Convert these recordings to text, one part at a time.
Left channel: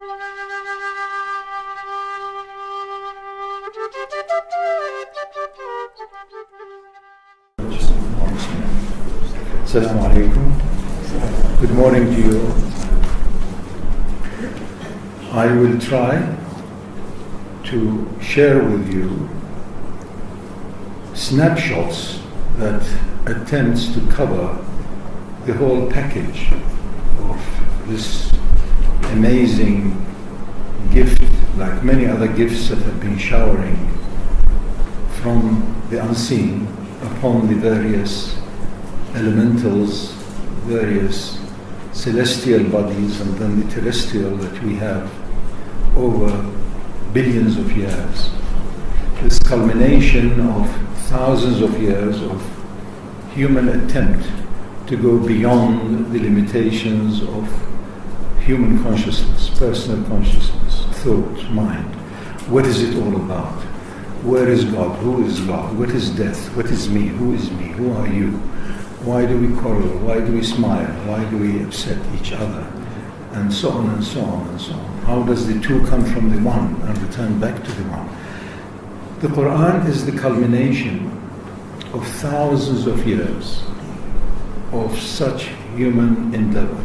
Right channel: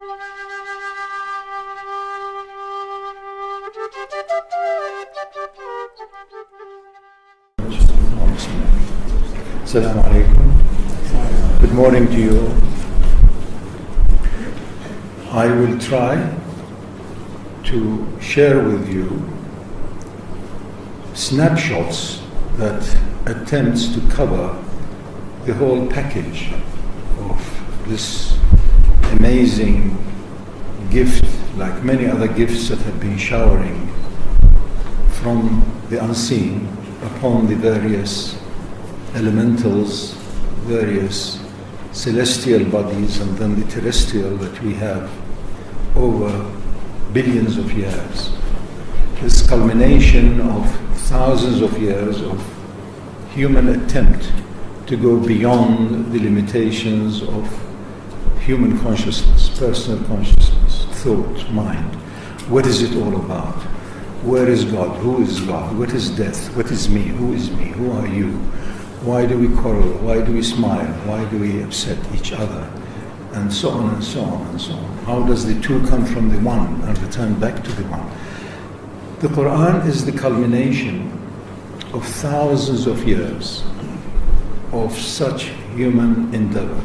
Assalamu alaikum. Good morning to you all. I will try to share with you snapshots that attempts to cover the whole package of this amazing gift, like many other gifts that have been showering from the unseen upon the various elementals, various celestial bodies, and then the terrestrial that we have over billions of years. This culmination of thousands of years of human attempt to go beyond the limitations of human consciousness, personal consciousness, thought, mind. What is it all about? Where is God? Who is God? What is death? What is me? Who is me? Who are you? Why do we quarrel? Why do we smile? Why do we upset each other? And so on and so on and so on. How does the two come from the one and return back to the one? The Quran is the culmination of thousands of years of such human endeavor.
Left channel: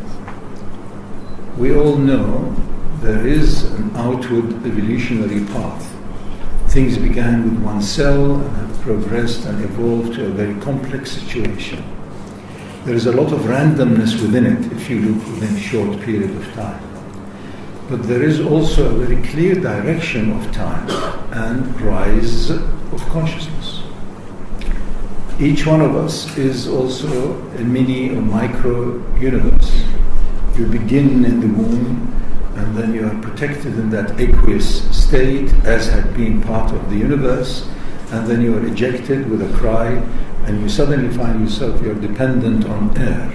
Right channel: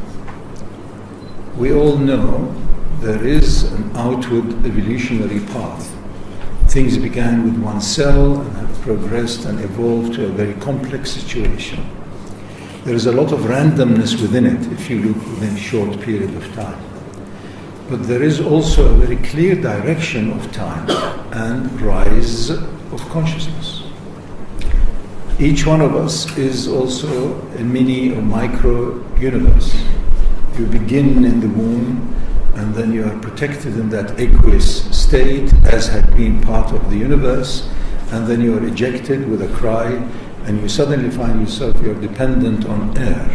We all know there is an outward evolutionary path. Things began with one cell and have progressed and evolved to a very complex situation. There is a lot of randomness within it if you look within a short period of time. But there is also a very clear direction of time and rise of consciousness. Each one of us is also a mini or micro universe. You begin in the womb, and then you are protected in that aqueous state as had been part of the universe, and then you are ejected with a cry, and you suddenly find yourself, you are dependent on air.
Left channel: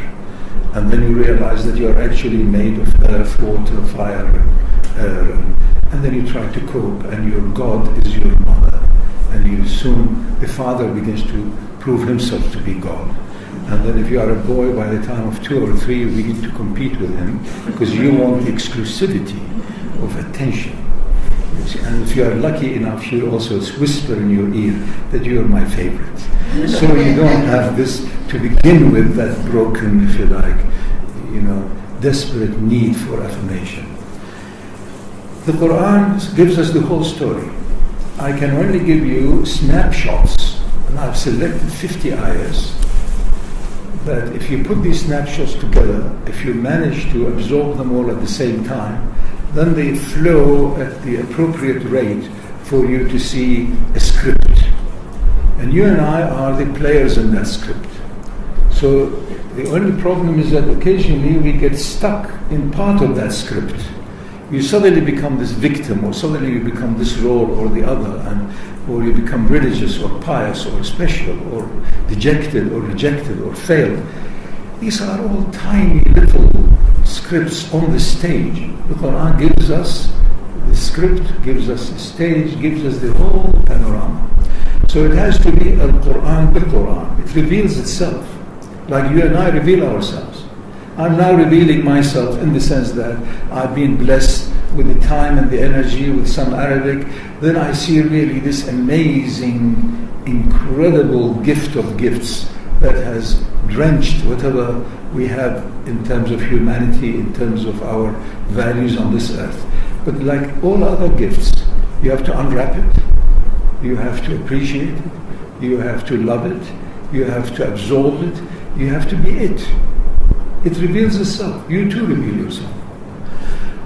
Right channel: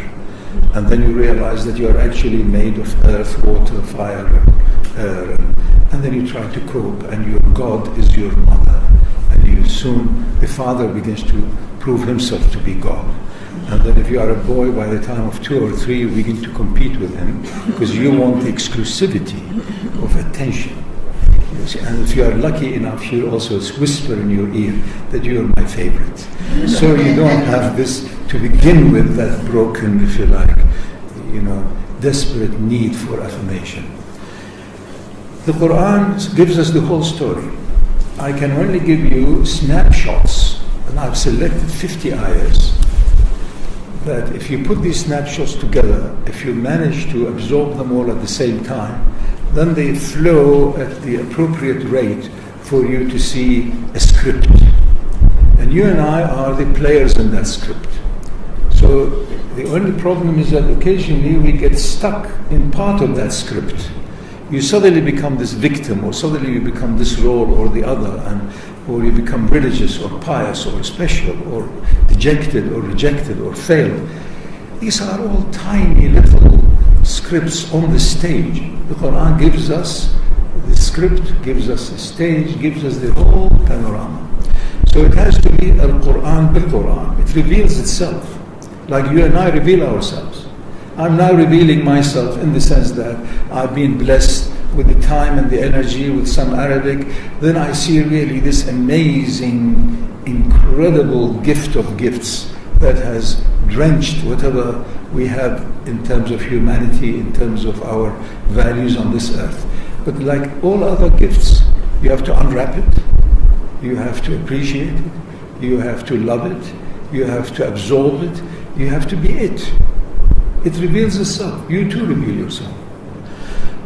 And then you realize that you are actually made of earth, water, fire, air. And then you try to cope, and your God is your mother. And you soon, the father begins to prove himself to be God. And then if you are a boy, by the time of 2 or 3, you begin to compete with him because you want the exclusivity of attention. And if you are lucky enough, he'll also whisper in your ear that you are my favorite. So you don't have this to begin with, that broken, if you like, desperate need for affirmation. The Quran gives us the whole story. I can only give you snapshots, and I've selected 50 ayahs. That if you put these snapshots together, if you manage to absorb them all at the same time, then they flow at the appropriate rate for you to see a script. And you and I are the players in that script. So the only problem is that occasionally we get stuck in part of that script. You suddenly become this victim, or suddenly you become this role or the other, or you become religious or pious or special or dejected or rejected or failed. These are all tiny little scripts on the stage. The Quran gives us the script, gives us the stage, gives us the whole panorama. So it has to be Al-Quran bil-Quran. It reveals itself, like you and I reveal ourselves. I'm now revealing myself in the sense that I've been blessed with the time and the energy with some Arabic. Then I see really this amazing, incredible gift of gifts that has drenched whatever we have in terms of humanity, in terms of our values on this earth. But like all other gifts, you have to unwrap it, you have to appreciate it, you have to love it, you have to absorb it, you have to be it. It reveals itself. You too reveal yourself.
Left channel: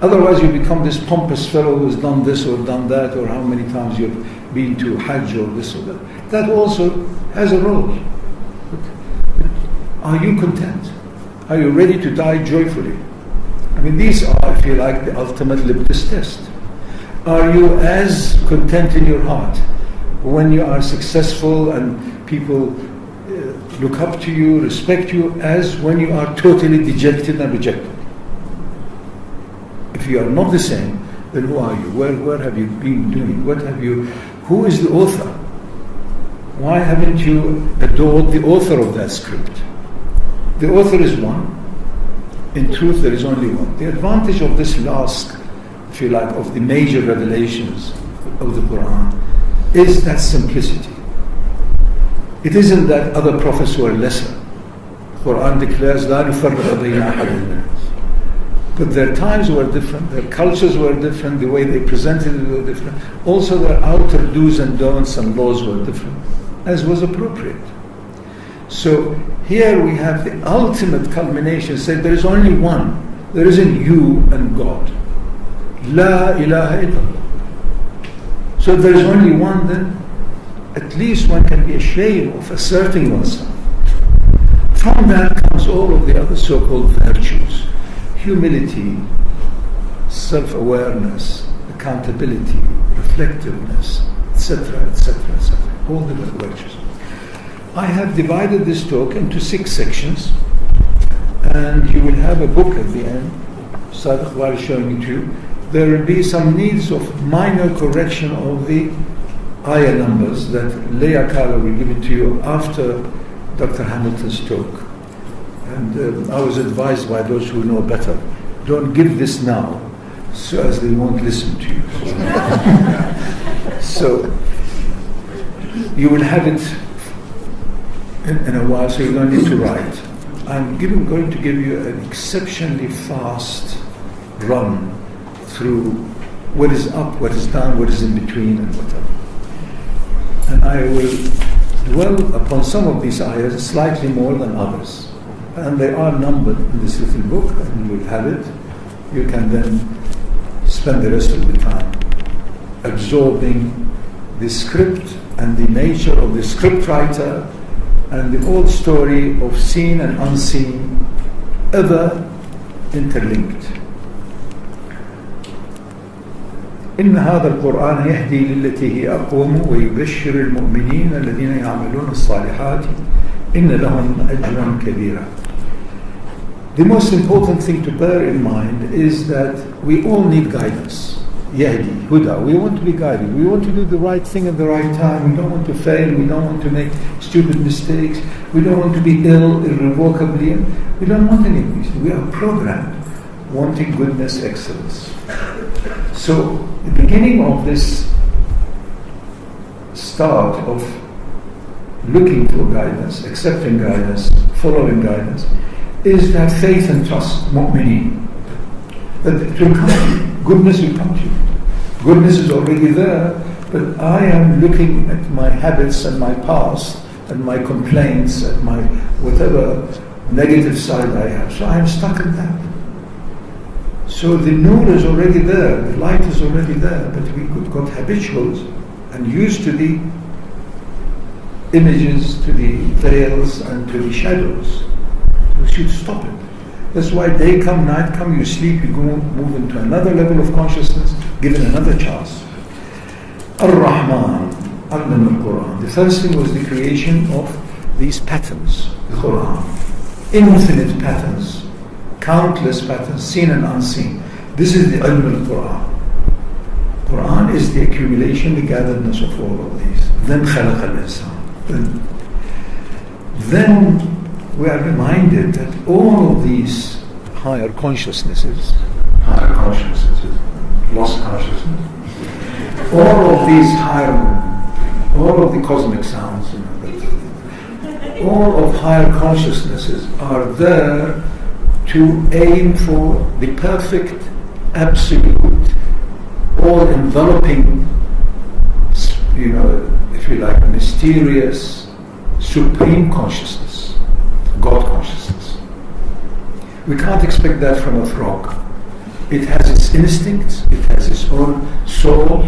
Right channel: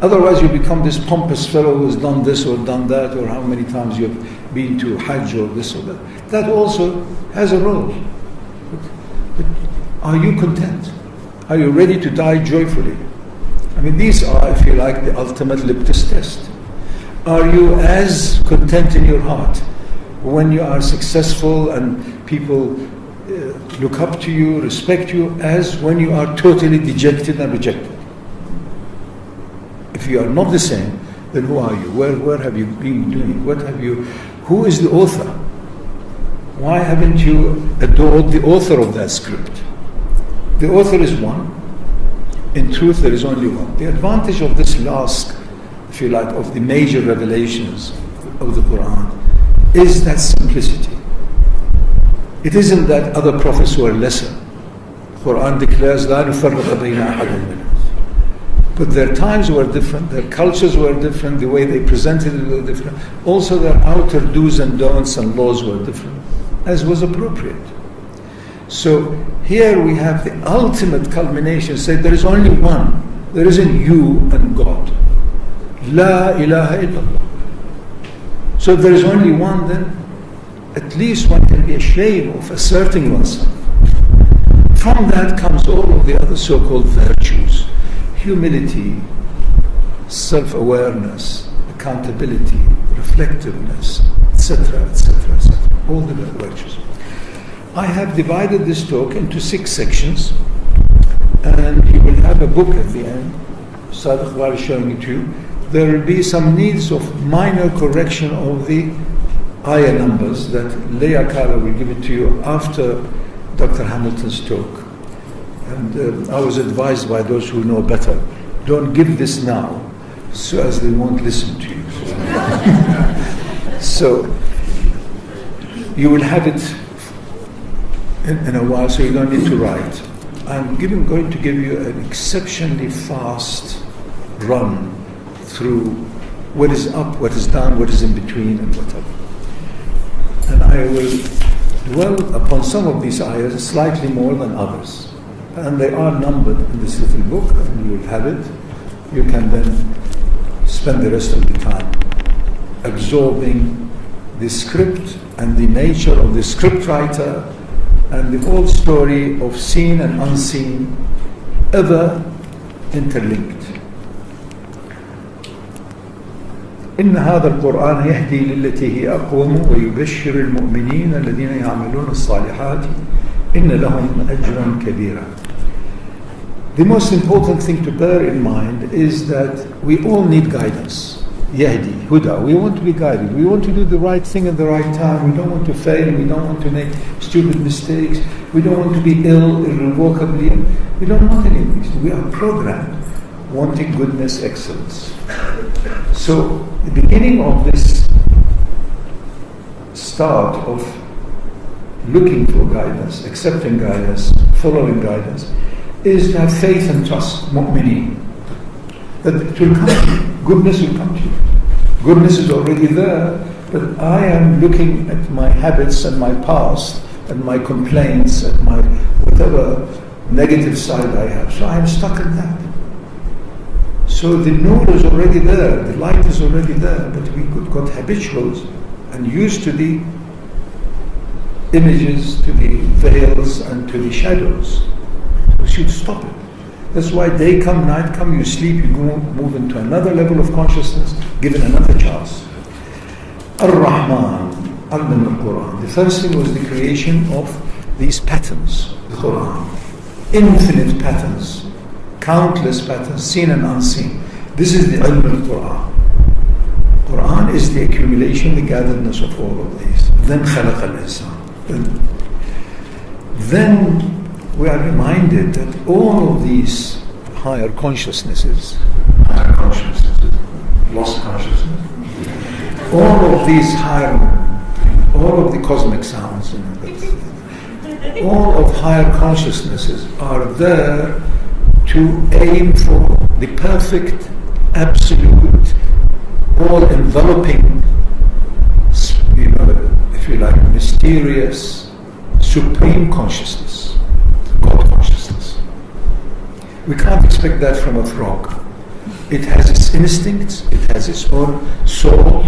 Otherwise you become this pompous fellow who has done this or done that, or how many times you've been to Hajj or this or that. That also has a role. But are you content? Are you ready to die joyfully? I mean, these are, if you like, the ultimate litmus test. Are you as content in your heart when you are successful and people look up to you, respect you, as when you are totally dejected and rejected? If you are not the same, then who are you? Where have you been doing? Who is the author? Why haven't you adored the author of that script? The author is one. In truth, there is only one. The advantage of this last if you like, of the major revelations of the Quran, is that simplicity. It isn't that other prophets were lesser. Quran declares, لا نفرق بين أحد منهم. But their times were different, their cultures were different, the way they presented it was different. Also their outer do's and don'ts and laws were different, as was appropriate. So here we have the ultimate culmination, say there is only one. There isn't you and God. La ilaha illallah. So if there is only one, then at least one can be ashamed of asserting oneself. From that comes all of the other so-called virtues. Humility, self-awareness, accountability, reflectiveness, etc., etc., etc. All the virtues. I have divided this talk into 6 sections, and you will have a book at the end. Sadiq was showing it to you. There will be some needs of minor correction of the ayah numbers that Leah Kala will give it to you after Dr. Hamilton's talk. And I was advised by those who know better, don't give this now, so as they won't listen to you. So you will have it in a while, so you don't need to write. I'm going to give you an exceptionally fast run through what is up, what is down, what is in between, and whatever. And I will dwell upon some of these ayahs slightly more than others. And they are numbered in this little book, and you will have it. You can then spend the rest of the time absorbing the script and the nature of the script writer and the whole story of seen and unseen, ever interlinked. إن هذا القرآن يهدي للتي هي أقوم ويبشر المؤمنين الذين يعملون الصالحات إن لهم أجرا كبيرا. The most important thing to bear in mind is that we all need guidance. Yahdi, Huda. We want to be guided. We want to do the right thing at the right time. We don't want to fail. We don't want to make stupid mistakes. We don't want to be ill irrevocably. We don't want any of these. We are programmed wanting goodness, excellence. So the beginning of this start of looking for guidance, accepting guidance, following guidance, is to have faith and trust, mu'mineen. That it will come to you. Goodness will come to you. Goodness is already there, but I am looking at my habits and my past and my complaints and my whatever negative side I have. So I am stuck in that. So the nur is already there, the light is already there, but we got habitual and used to the images, to the veils and to the shadows. We should stop it. That's why day come, night come, you sleep, you go move into another level of consciousness, given another chance. Ar-Rahman, Allama al-Quran. The first thing was the creation of these patterns, the Quran. Infinite patterns, countless patterns, seen and unseen. This is the ilm al-Quran. Quran is the accumulation, the gatheredness of all of these. Then khalaq al-insan. Then we are reminded that all of these higher consciousnesses, lost consciousness, all of these higher, all of the cosmic sounds, all of higher consciousnesses are there to aim for the perfect, absolute, all-enveloping, if you like, mysterious, supreme consciousness. God consciousness. We can't expect that from a frog. It has its instincts, it has its own soul,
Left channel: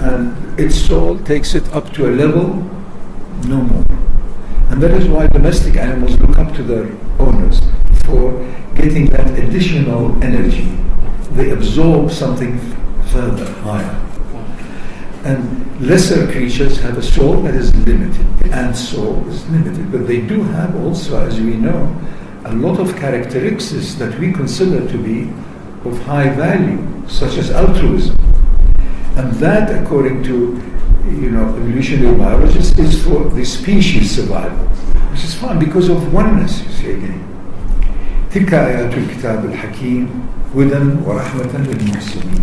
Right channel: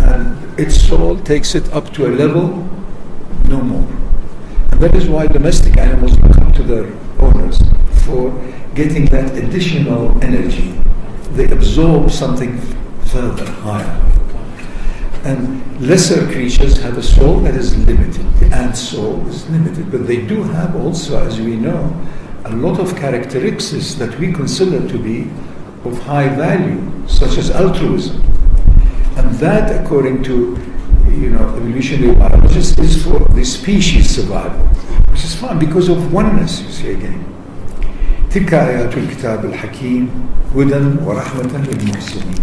and its soul takes it up to a level no more. And that is why domestic animals look up to their owners for getting that additional energy. They absorb something further, higher. And lesser creatures have a soul that is limited. The ant soul is limited, but they do have also, as we know, a lot of characteristics that we consider to be of high value, such as altruism. And that, according to evolutionary biologists, is for the species survival, which is fine because of oneness, you see again. تلك آيات الكتاب الحكيم هدى ورحمة للمحسنين.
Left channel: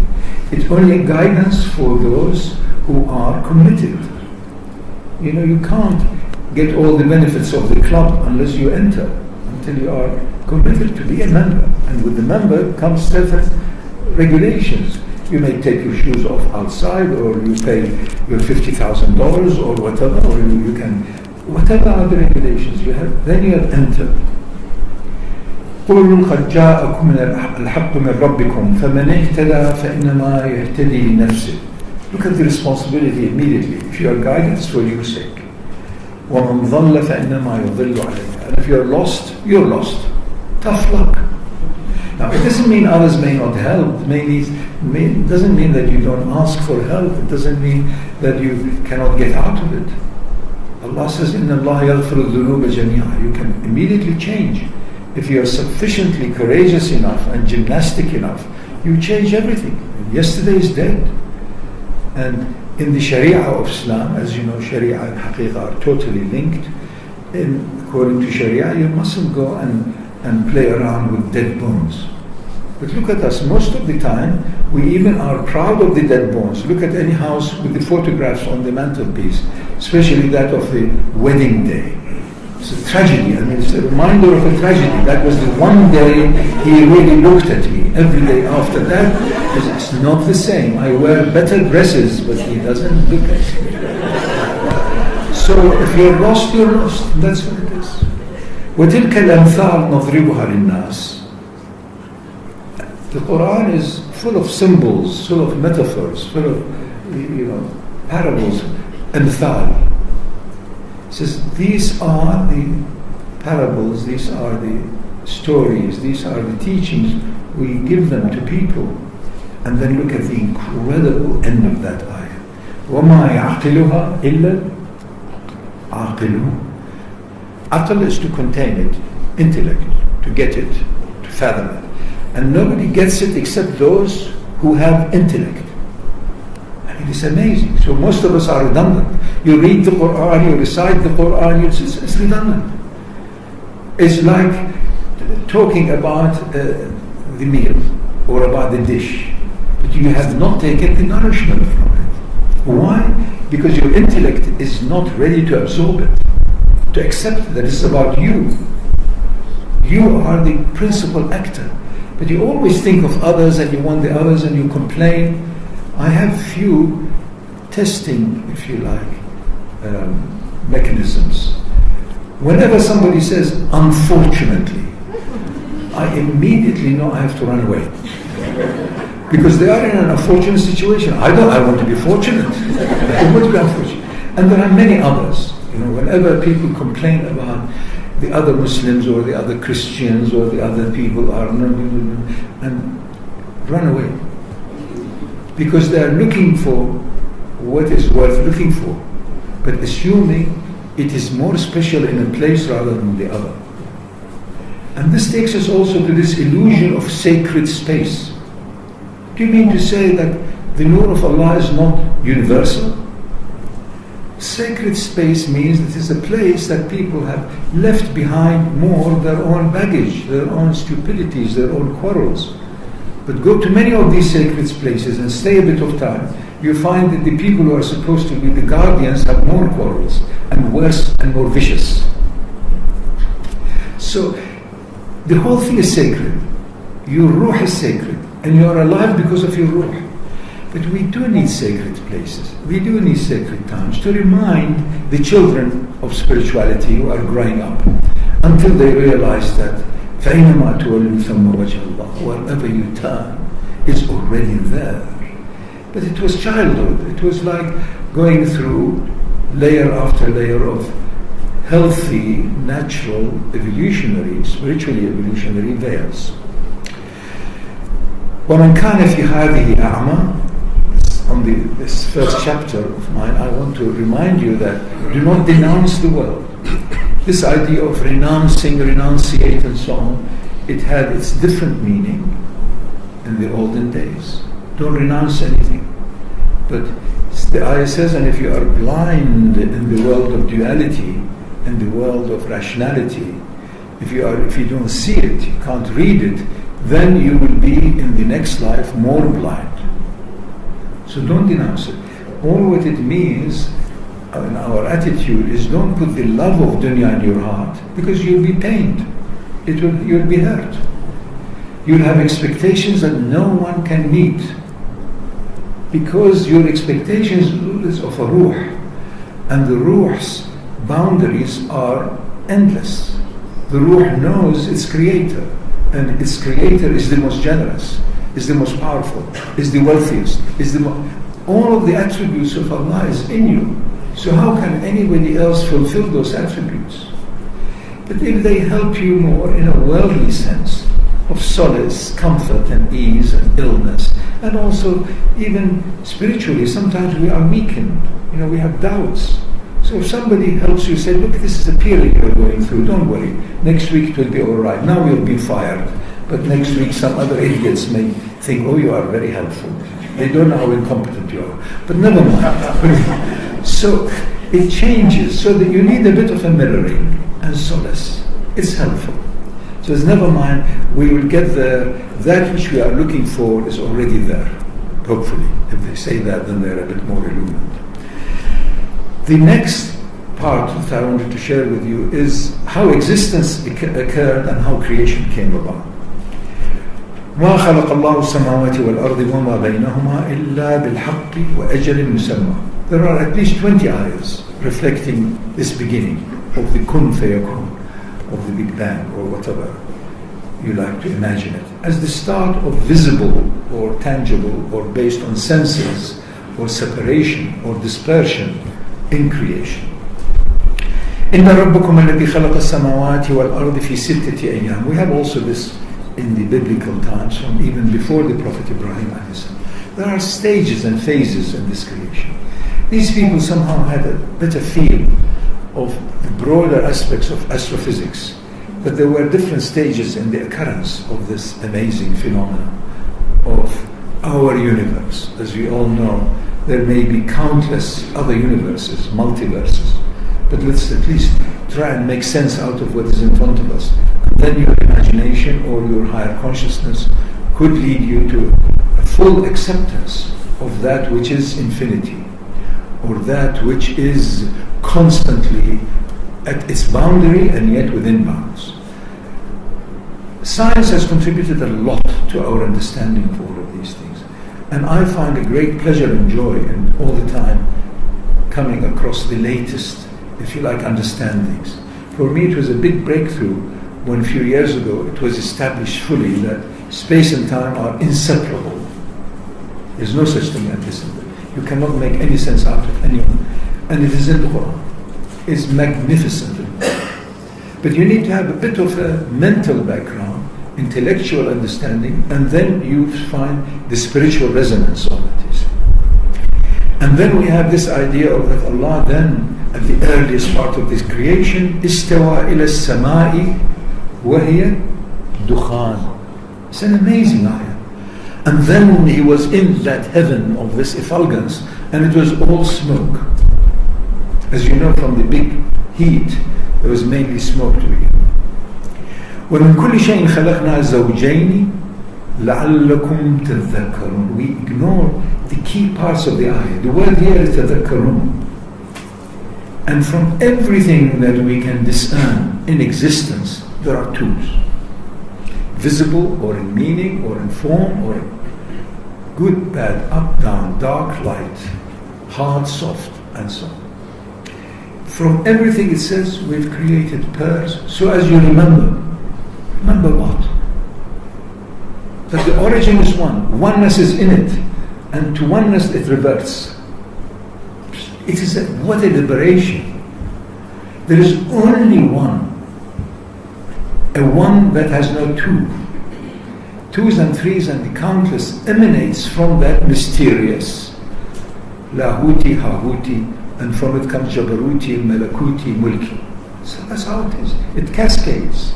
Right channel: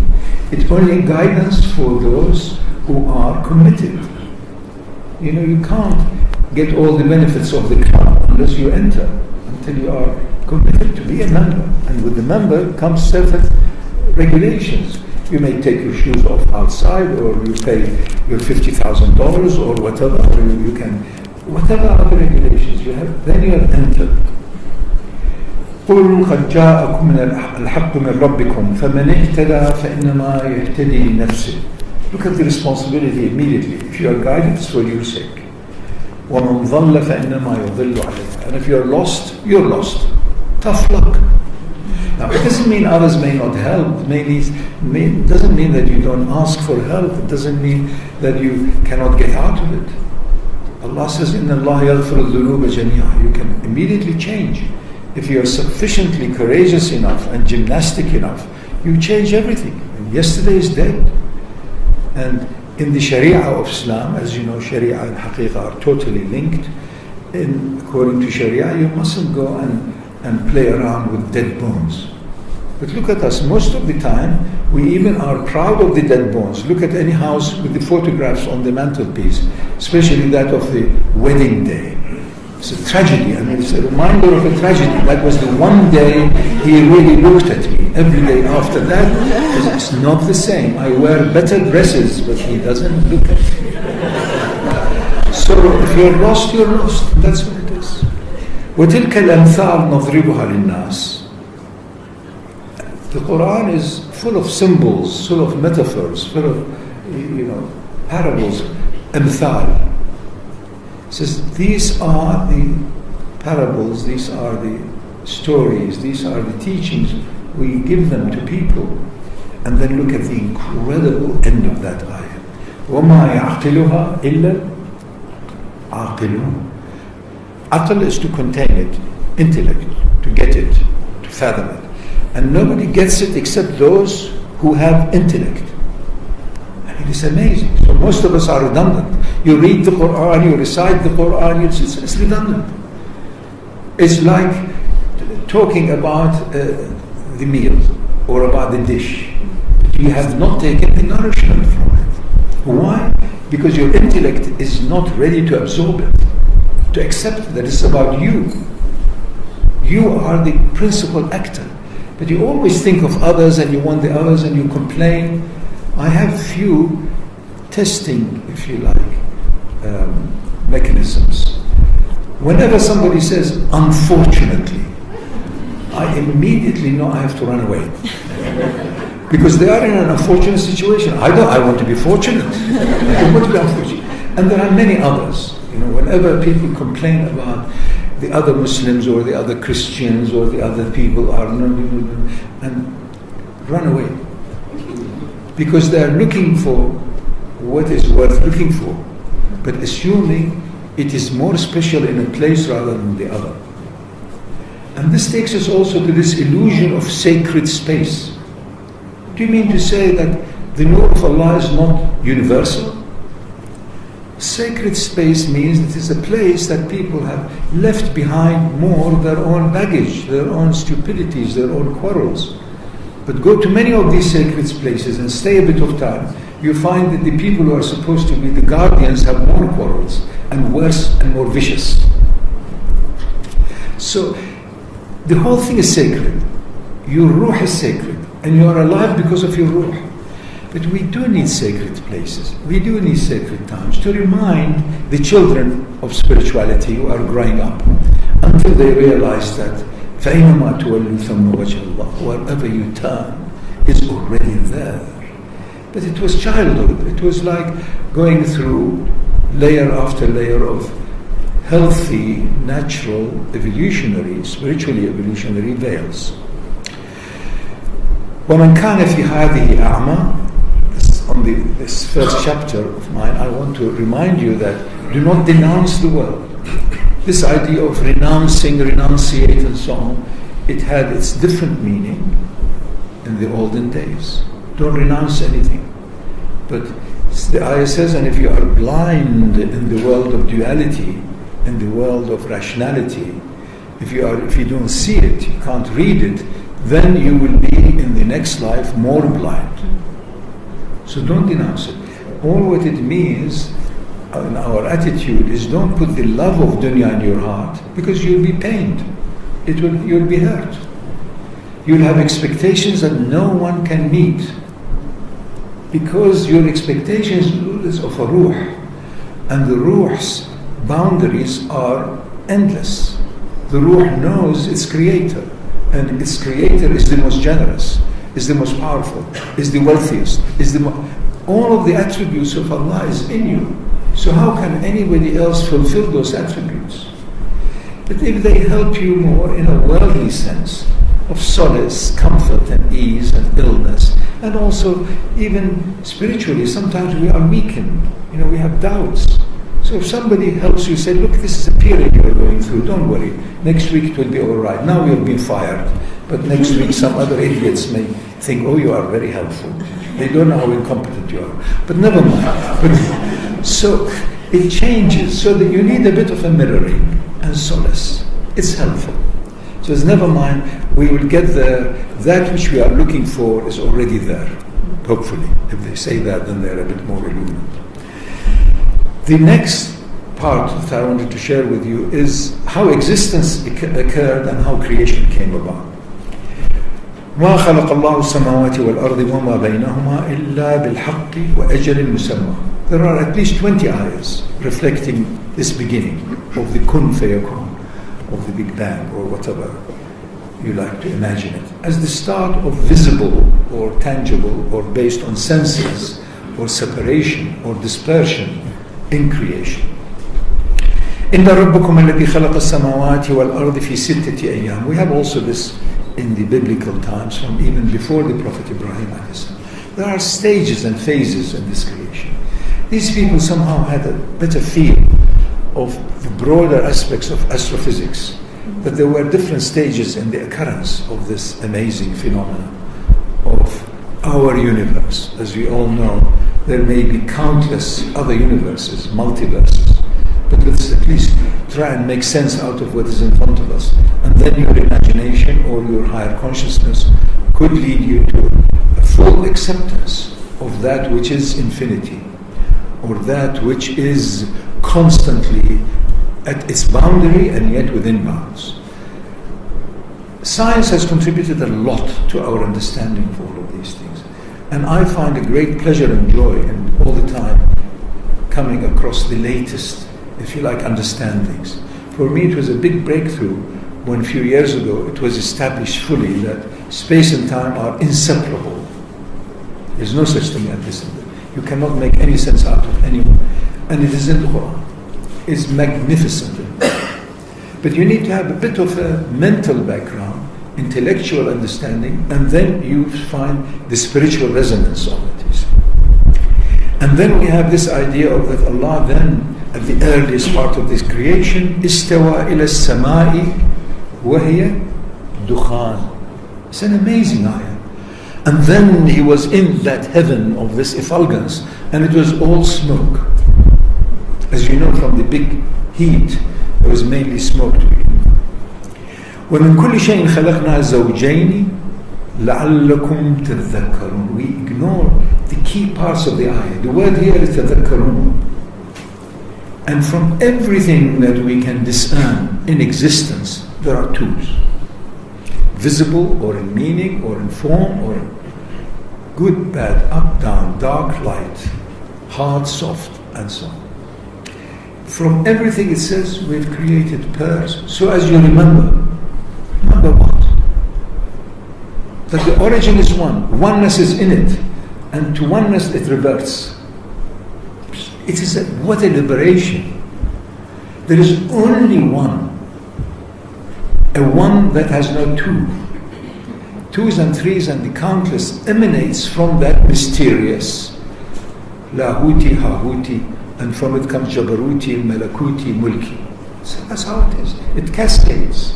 It's only guidance for those who are committed. You can't get all the benefits of the club unless you enter, until you are committed to be a member. And with the member comes certain regulations. You may take your shoes off outside, or you pay your $50,000 or whatever, or you can, whatever are the regulations you have, then you have entered. قل قد جاءكم الحق من ربكم فمن اهتدى فإنما يهتدي لنفسه. Look at the responsibility immediately. If you are guided, it's for your sake. ومن ضل فإنما يضل عليها. And if you are lost, you're lost. Tough luck. Now, it doesn't mean others may not help. It doesn't mean that you don't ask for help. It doesn't mean that you cannot get out of it. Allah says, إِنَّ اللَّهَ يَغْفِرُ الذُّنُوبَ جَمِيعًا. You can immediately change. If you are sufficiently courageous enough and gymnastic enough, you change everything. And yesterday is dead. And in the Sharia of Islam, as you know, Sharia and Haqiqah are totally linked. According to Sharia, you mustn't go and play around with dead bones. But look at us, most of the time, we even are proud of the dead bones. Look at any house with the photographs on the mantelpiece, especially that of the wedding day. It's a tragedy. I mean, it's a reminder of a tragedy. That was the one day he really looked at me. Every day after that, it's not the same. I wear better dresses, but he doesn't look at me. So if you're lost, you're lost. That's what it is. وَتِلْكَ الْأَمْثَالُ نَضْرِبُهَا لِلنَّاسِ. The Quran is full of symbols, full of metaphors, full of, parables, amthal. It says, these are the parables, these are the stories, these are the teachings. We give them to people. And then look at the incredible end of that ayah. وَمَا يَعْقِلُهَا إِلَّا الْعَاقِلُونَ. Aql is to contain it, intellect, to get it, to fathom it. And nobody gets it except those who have intellect. I mean, it's amazing. So most of us are redundant. You read the Quran, you recite the Quran, it's redundant. It's like talking about the meal or about the dish. But you have not taken the nourishment from it. Why? Because your intellect is not ready to absorb it, to accept that it's about you. You are the principal actor. But you always think of others and you want the others and you complain. I have few testing, if you like, mechanisms. Whenever somebody says, unfortunately, I immediately know I have to run away. Because they are in an unfortunate situation. I want to be fortunate. I want to be unfortunate. And there are many others. Whenever people complain about the other Muslims or the other Christians or the other people are and run away. Because they are looking for what is worth looking for, but assuming it is more special in a place rather than the other. And this takes us also to this illusion of sacred space. Do you mean to say that the nur of Allah is not universal? Sacred space means it is a place that people have left behind more their own baggage, their own stupidities, their own quarrels. But go to many of these sacred places and stay a bit of time, you find that the people who are supposed to be the guardians have more quarrels and worse and more vicious. So the whole thing is sacred. Your ruh is sacred and you are alive because of your ruh. But we do need sacred places. We do need sacred times to remind the children of spirituality who are growing up until they realize that فَأَيْنَمَا تُوَلُّوا ثَمَّ وَجْهَ اللَّهِ. Wherever you turn is already there. But it was childhood. It was like going through layer after layer of healthy, natural, evolutionary, spiritually evolutionary veils. وَمَنْ كَانَ فِي هَذِهِ أَعْمَى. On this first chapter of mine, I want to remind you that do not denounce the world. This idea of renouncing, renunciate and so on, it had its different meaning in the olden days. Don't renounce anything. But the ayah says, and if you are blind in the world of duality, in the world of rationality, if you don't see it, you can't read it, then you will be in the next life more blind. So don't denounce it. All what it means in our attitude is don't put the love of dunya in your heart, because you'll be pained. You'll be hurt. You'll have expectations that no one can meet, because your expectations is of a ruh, and the ruh's boundaries are endless. The ruh knows its creator, and its creator is the most generous, is the most powerful, is the wealthiest, all of the attributes of Allah is in you. So how can anybody else fulfill those attributes? But if they help you more in a worldly sense, of solace, comfort and ease and illness, and also even spiritually, sometimes we are weakened, we have doubts. So if somebody helps you, say, look, this is a period you're going through, don't worry, next week it will be all right. Now you'll be fired, but next week some other idiots may think, oh, you are very helpful. They don't know how incompetent you are, but never mind. So it changes, so that you need a bit of a mirroring and solace. It's helpful. So it's never mind, we will get there. That which we are looking for is already there, hopefully. If they say that, then they're a bit more illumined. The next part that I wanted to share with you is how existence occurred and how creation came about. ما خلق الله السماوات والأرض وما بينهما إلا بالحق وأجل مسمى. There are at least 20 ayahs reflecting this beginning of the kun fayakun, of the Big Bang, or whatever you like to imagine it, as the start of visible or tangible or based on senses or separation or dispersion in creation. إن ربكم الذي خلق السماوات والأرض في ستة أيام. We have also this in the biblical times, from even before the Prophet Ibrahim. There are stages and phases in this creation. These people somehow had a better feel of the broader aspects of astrophysics, that there were different stages in the occurrence of this amazing phenomena of our universe. As we all know, there may be countless other universes, multiverses, but let's at least try and make sense out of what is in front of us, and then your imagination or your higher consciousness could lead you to a full acceptance of that which is infinity, or that which is constantly at its boundary and yet within bounds. Science has contributed a lot to our understanding of all of these things, and I find a great pleasure and joy in all the time coming across the latest, if you like, understandings. For me it was a big breakthrough when a few years ago it was established fully that space and time are inseparable. There's no such thing as this. You cannot make any sense out of anyone. And it is in the Quran. It's magnificent. But you need to have a bit of a mental background, intellectual understanding, and then you find the spiritual resonance of it. You see. And then we have this idea of that Allah then, at the earliest part of this creation, istawa ila as-sama'i wa hiya dukhan. It's an amazing ayah. And then he was in that heaven of this effulgence, and it was all smoke. As you know, from the big heat, there was mainly smoke to begin. وَمِن كُلِّ شَيْءٍ خَلَقْنَا زَوْجَيْنِ لَعَلَّكُمْ تَذَكَّرُونَ. We ignore the key parts of the ayah. The word here is تَذَكَّرُونَ. And from everything that we can discern in existence, there are twos. Visible, or in meaning, or in form, or in good, bad, up, down, dark, light, hard, soft, and so on. From everything it says we've created pairs. So as you remember what? That the origin is one. Oneness is in it. And to oneness it reverts. It is what a liberation. There is only one. A one that has no two. Twos and threes and the countless emanates from that mysterious Lahuti, Hahuti, and from it comes Jabaruti, Malakuti, Mulki. So that's how it is. It cascades.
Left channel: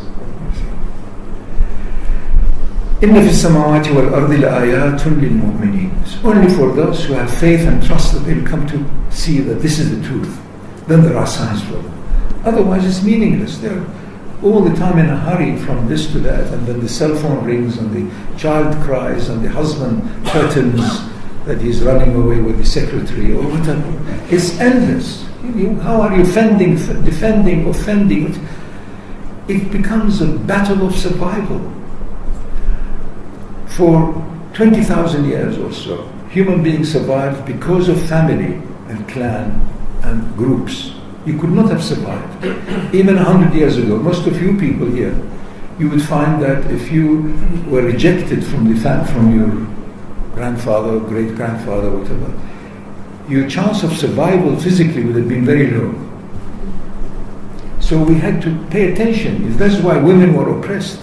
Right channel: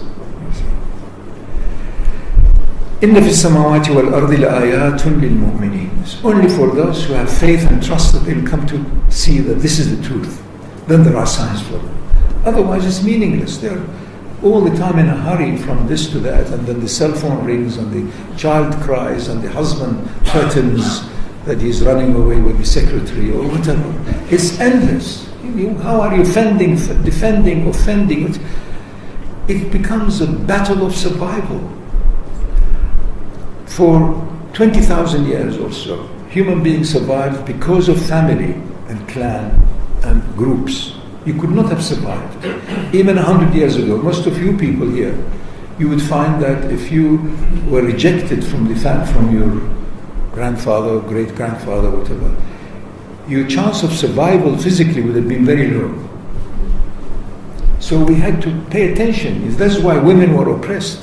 إِنَّ فِي السَّمَاوَاتِ وَالْأَرْضِ لَآيَاتٌ لِلْمُؤْمِنِينَ. It's only for those who have faith and trust that they'll come to see that this is the truth. Then there are signs for them. Otherwise it's meaningless. They're all the time in a hurry from this to that, and then the cell phone rings and the child cries and the husband threatens that he's running away with the secretary or whatever. It's endless. How are you defending, offending? It becomes a battle of survival. For 20,000 years or so, human beings survived because of family and clan and groups. You could not have survived. Even 100 years ago, most of you people here, you would find that if you were rejected from your grandfather or great-grandfather, whatever, your chance of survival physically would have been very low. So we had to pay attention. That's why women were oppressed.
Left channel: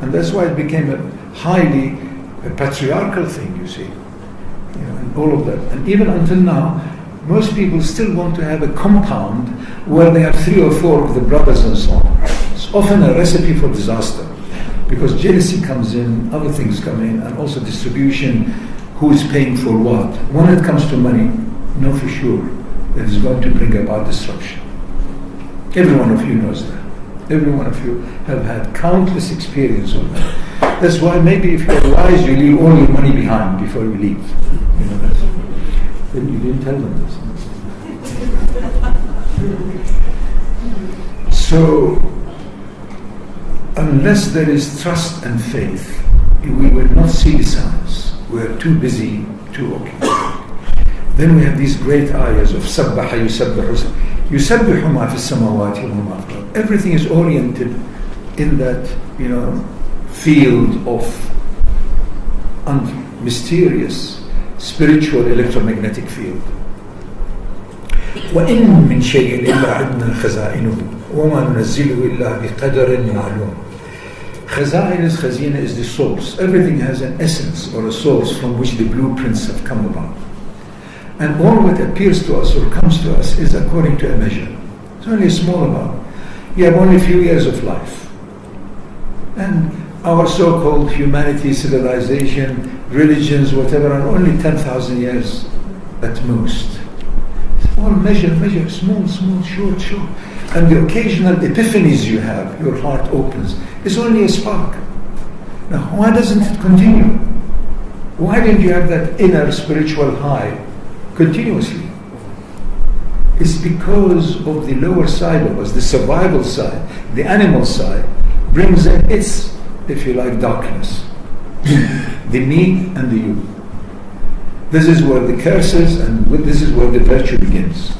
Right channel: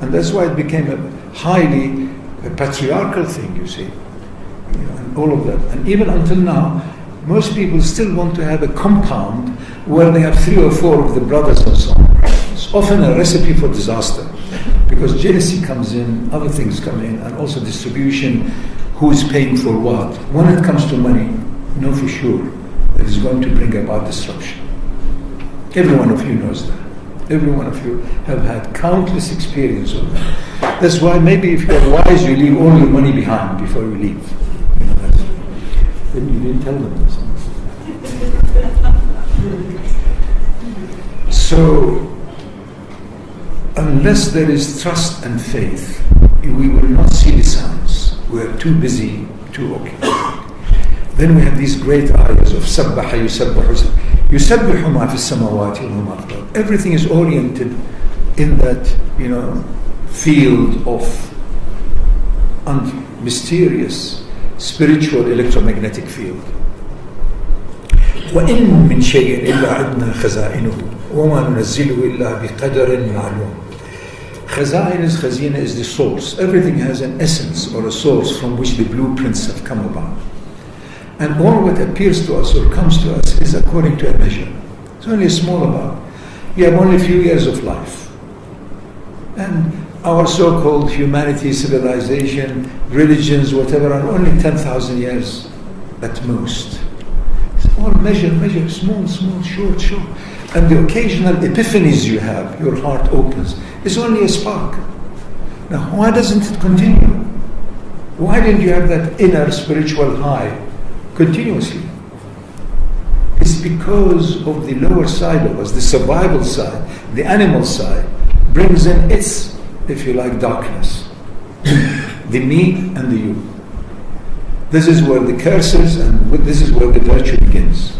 And that's why it became a highly patriarchal thing, you see. And all of that. And even until now, most people still want to have a compound where they have 3 or 4 of the brothers and so on. It's often a recipe for disaster, because jealousy comes in, other things come in, and also distribution, who is paying for what. When it comes to money, know for sure that it's going to bring about destruction. Every one of you knows that. Every one of you have had countless experience of that. That's why maybe if you're wise, you leave all your money behind before you leave. Then you didn't tell them this. So, unless there is trust and faith, we will not see the signs. We are too busy, too occupied. Then we have these great ayahs of سَبَّحَ يُسَبِّحُ يُسَبِّحُ مَا فِي السَّمَوَاتِ وَمَا فِي الْأَرْضِ. Everything is oriented in that, field of mysterious spiritual electromagnetic field. وَإِن مِّن شَيْءٍ إِلَّا عِدْنَا خَزَائِنُهُ وَمَا نُنَزِّلُهُ إِلَّا بِقَدَرٍ مَعْلُومٍ. Khazina is the source. Everything has an essence or a source from which the blueprints have come about. And all what appears to us or comes to us is according to a measure. It's only a small amount. You have only a few years of life. And our so-called humanity, civilization, religions, whatever, are only 10,000 years at most. It's all measure, small, short. And the occasional epiphanies you have, your heart opens. It's only a spark. Now, why doesn't it continue? Why didn't you have that inner spiritual high continuously? It's because of the lower side of us, the survival side, the animal side, brings in its, if you like, darkness. The me and the you. This is where the curse is, and this is where the virtue begins.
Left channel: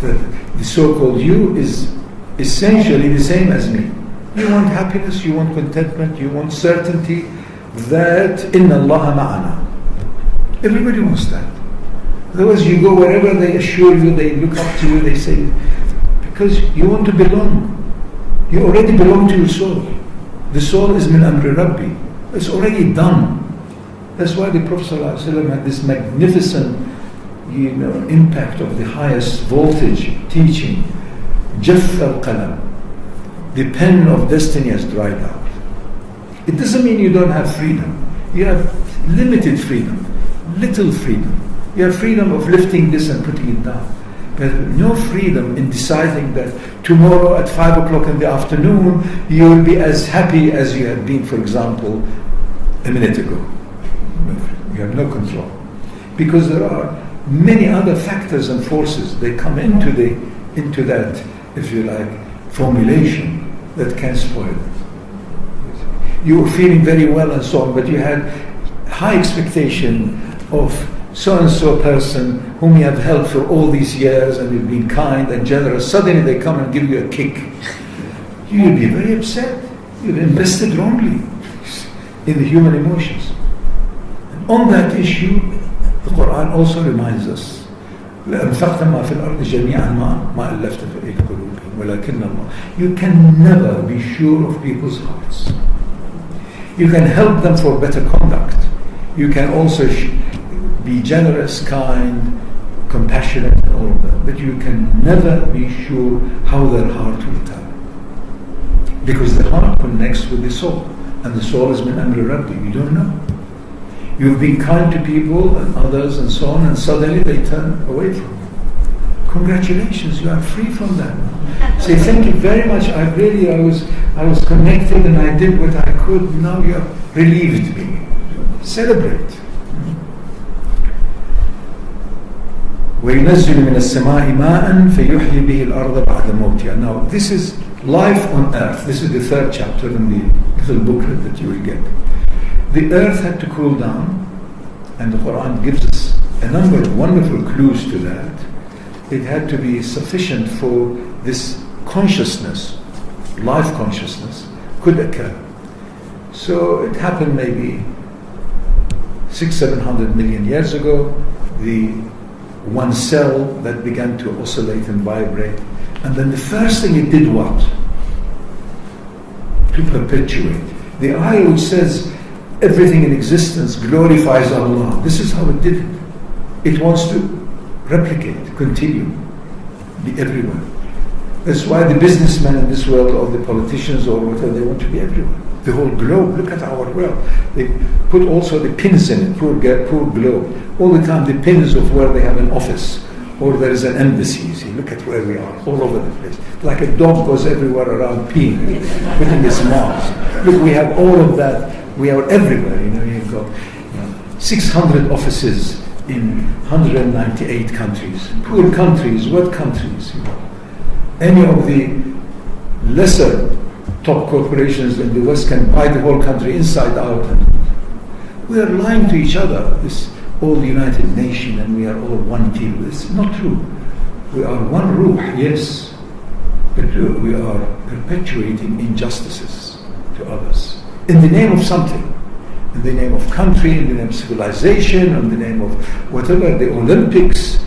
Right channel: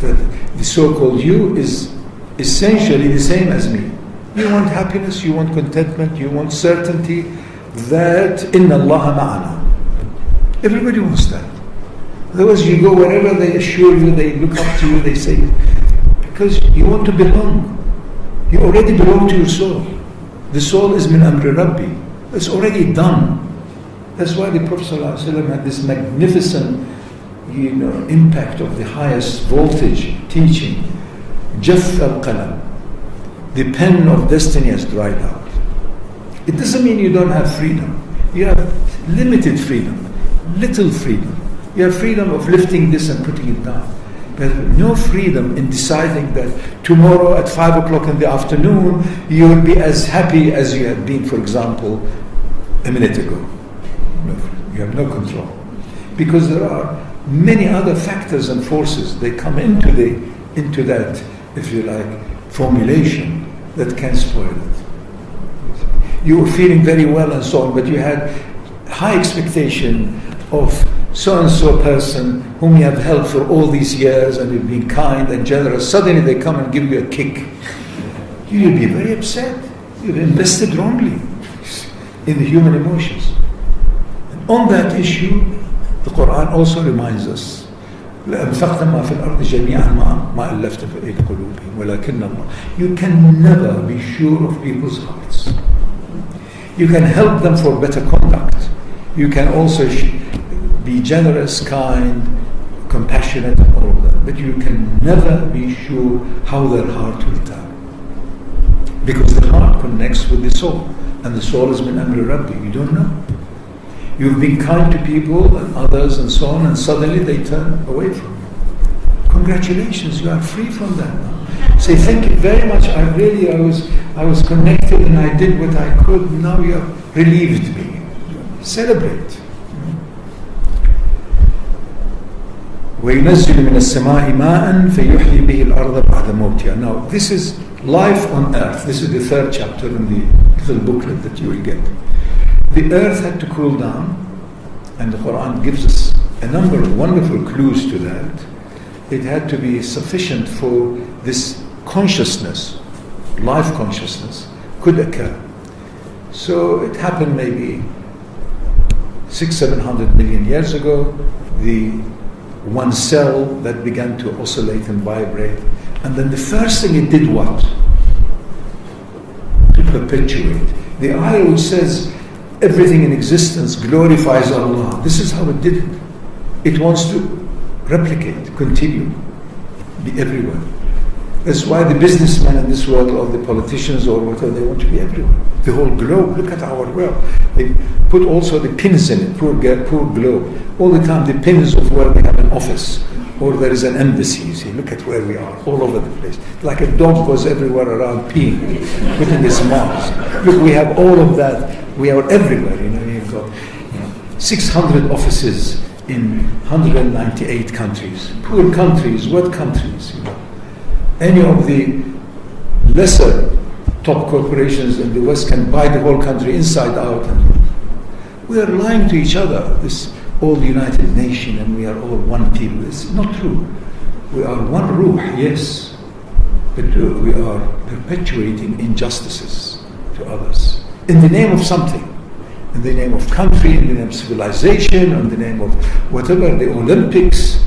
The so-called you is essentially the same as me. You want happiness, you want contentment, you want certainty that inna Allah ma'ana. Everybody wants that. Otherwise you go wherever they assure you, they look up to you, they say, because you want to belong. You already belong to your soul. The soul is min amri Rabbi. It's already done. That's why the Prophet ﷺ had this magnificent impact of the highest voltage teaching. Jaff al-qalam. The pen of destiny has dried out. It doesn't mean you don't have freedom. You have limited freedom, little freedom. You have freedom of lifting this and putting it down. But no freedom in deciding that tomorrow at 5 o'clock in the afternoon you will be as happy as you had been, for example, a minute ago. No, you have no control. Because there are many other factors and forces that come into that, if you like, formulation that can spoil it. You were feeling very well and so on, but you had high expectation of so-and-so person whom you have helped for all these years and you've been kind and generous. Suddenly they come and give you a kick. You'll be very upset. You've invested wrongly in the human emotions. And on that issue, the Quran also reminds us, لَأَنفَقْتَ مَا فِي الْأَرْضِ جَمِيعًا مَا أَلَّفْتَ فِي قُلُوبِهِمْ وَلَكِنَّ اللَّهَ. You can never be sure of people's hearts. You can help them for better conduct. You can also be generous, kind, compassionate, and all of that. But you can never be sure how their heart will turn. Because the heart connects with the soul. And the soul is min amri Rabbi. You don't know. You've been kind to people and others and so on, and suddenly they turn away from you. Congratulations, you are free from that now. Say, thank you very much. I was connected and I did what I could. Now you have relieved me. Celebrate. وَيُنَزِّلُ مِنَ السَّمَاءِ مَاءً فَيُحْيِي بِهِ الْأَرْضَ بَعْدَ مَوْتِهَا. Now, this is life on earth. This is the third chapter in the little booklet that you will get. The earth had to cool down, and the Quran gives us a number of wonderful clues to that. It had to be sufficient for this consciousness, life consciousness, could occur. So it happened maybe 600-700 million years ago. The one cell that began to oscillate and vibrate, and then the first thing it did what? To perpetuate. The ayah which says everything in existence glorifies Allah, this is how it did it. It wants to replicate, continue, be everywhere. That's why the businessmen in this world, or the politicians or whatever, they want to be everywhere. The whole globe, look at our world. They put also the pins in it, poor globe. All the time the pins of where they have an office or there is an embassy. You see, look at where we are, all over the place. Like a dog goes everywhere around peeing, putting his marks. Look, we have all of that. We are everywhere, you've got 600 offices in 198 countries. Poor countries, what countries? Any of the lesser top corporations in the West can buy the whole country inside out. And we are lying to each other, this all United Nation, and we are all one people. It's not true. We are one ruh, yes, but we are perpetuating injustices to others in the name of something, in the name of country, in the name of civilization, in the name of whatever. The Olympics,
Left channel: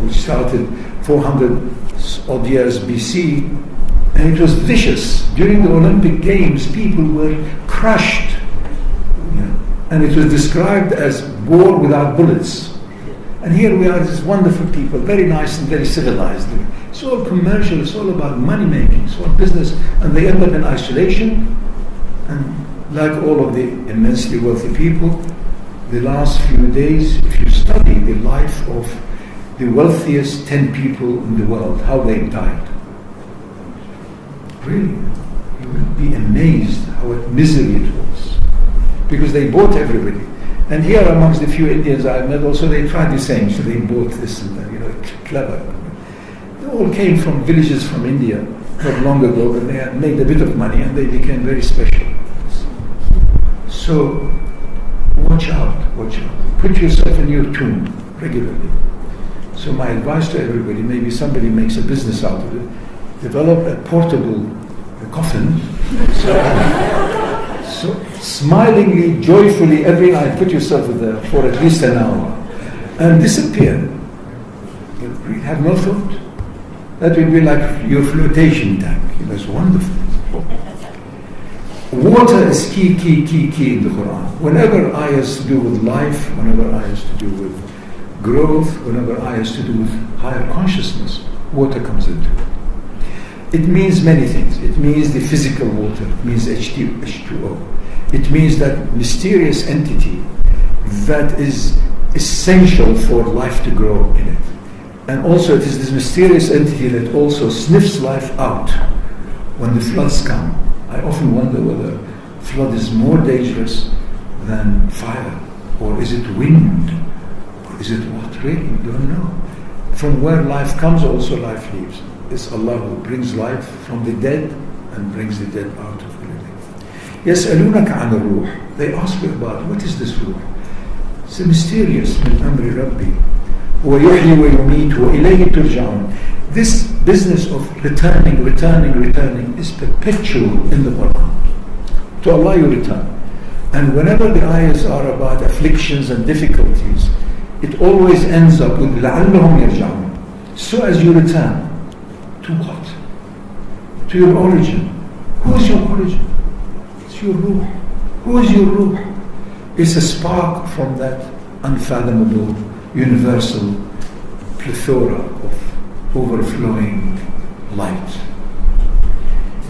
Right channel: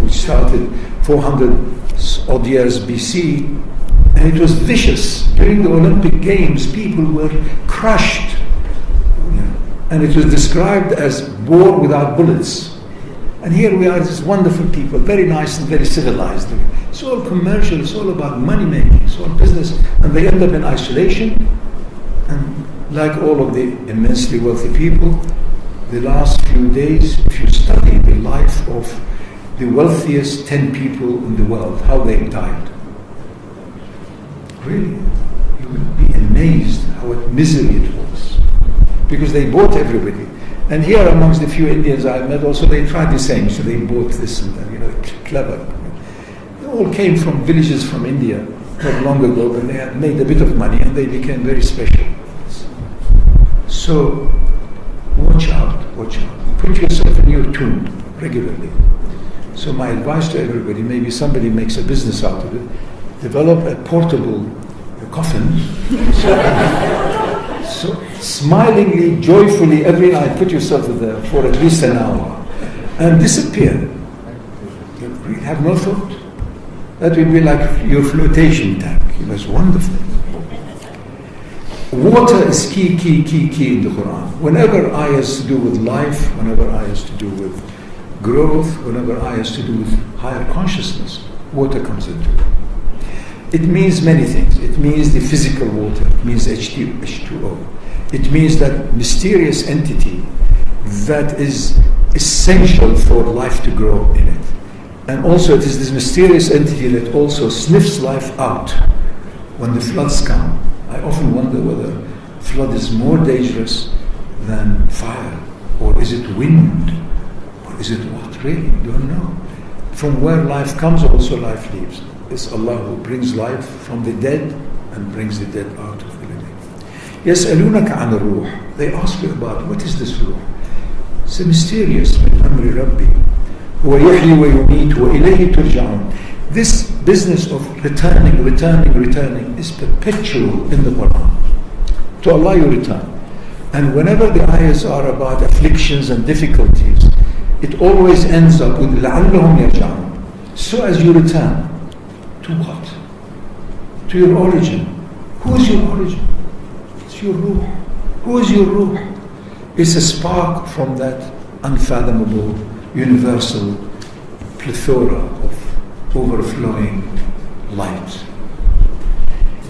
which started 400 odd years BC, and it was vicious. During the Olympic Games, people were crushed, and it was described as war without bullets. And here we are, these wonderful people, very nice and very civilized. It's all commercial, it's all about money making, it's all business, and they end up in isolation. And like all of the immensely wealthy people, the last few days, if you study the life of the wealthiest 10 people in the world, how they died, really, you will be amazed how misery it was. Because they bought everybody. And here amongst the few Indians I met also, they tried the same. So they bought this and that, clever. They all came from villages from India not long ago, but they had made a bit of money and they became very special. So watch out. Put yourself in your tomb regularly. So my advice to everybody, maybe somebody makes a business out of it, develop a portable coffin. So smilingly, joyfully, every night, put yourself there for at least an hour and disappear. You really have no thought. That will be like your flotation tank. It's wonderful. Water is key in the Quran. Whenever ayahs to do with life, whenever ayahs to do with growth, whenever ayahs to do with higher consciousness, water comes into it. It means many things. It means the physical water. It means H2O. It means that mysterious entity that is essential for life to grow in it. And also it is this mysterious entity that also sniffs life out when the floods come. I often wonder whether flood is more dangerous than fire, or is it wind, or is it what? Really, we don't know. From where life comes, also life leaves. It's Allah who brings life from the dead and brings the dead out of the living. يَسْأَلُونَكَ عَنِ الرُّوحِ. They ask you about, what is this ruh? It's a mysterious, مِنْ أَمْرِ رَبِّي هُوَ يُحْيِي وَيُمِيتُ وَإِلَيْهِ تُرْجَعُونَ. This business of returning is perpetual in the Quran. To Allah you return. And whenever the ayahs are about afflictions and difficulties, it always ends up with لَعَلَّهُمْ يَرْجَعُونَ. So as you return, to what? To your origin. Who is your origin? It's your ruh. Who is your ruh? It's a spark from that unfathomable, universal plethora of overflowing light.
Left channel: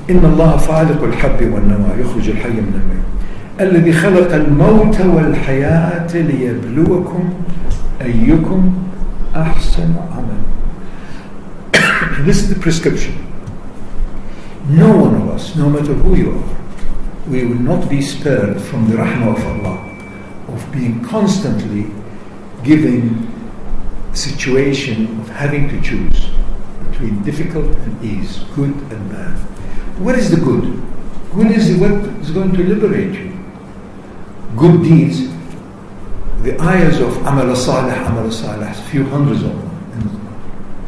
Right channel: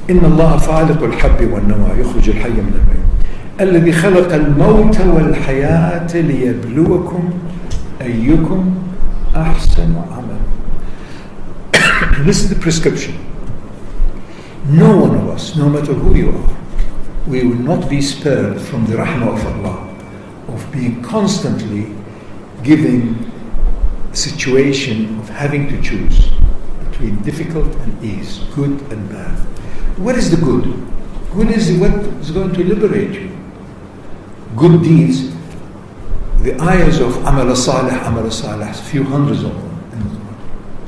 إن الله فالق الحب والنوى يخرج الحي من الميت الذي خلق الموت والحياة ليبلوكم أيكم أحسن عملا. This is the prescription. no one of us, no matter who you are, we will not be spared from the rahmah of Allah, of being constantly given a situation of having to choose between difficult and ease, good and bad. What is the good? Good is what is going to liberate you. Good deeds, the ayahs of Amal Salih, a few hundreds of them.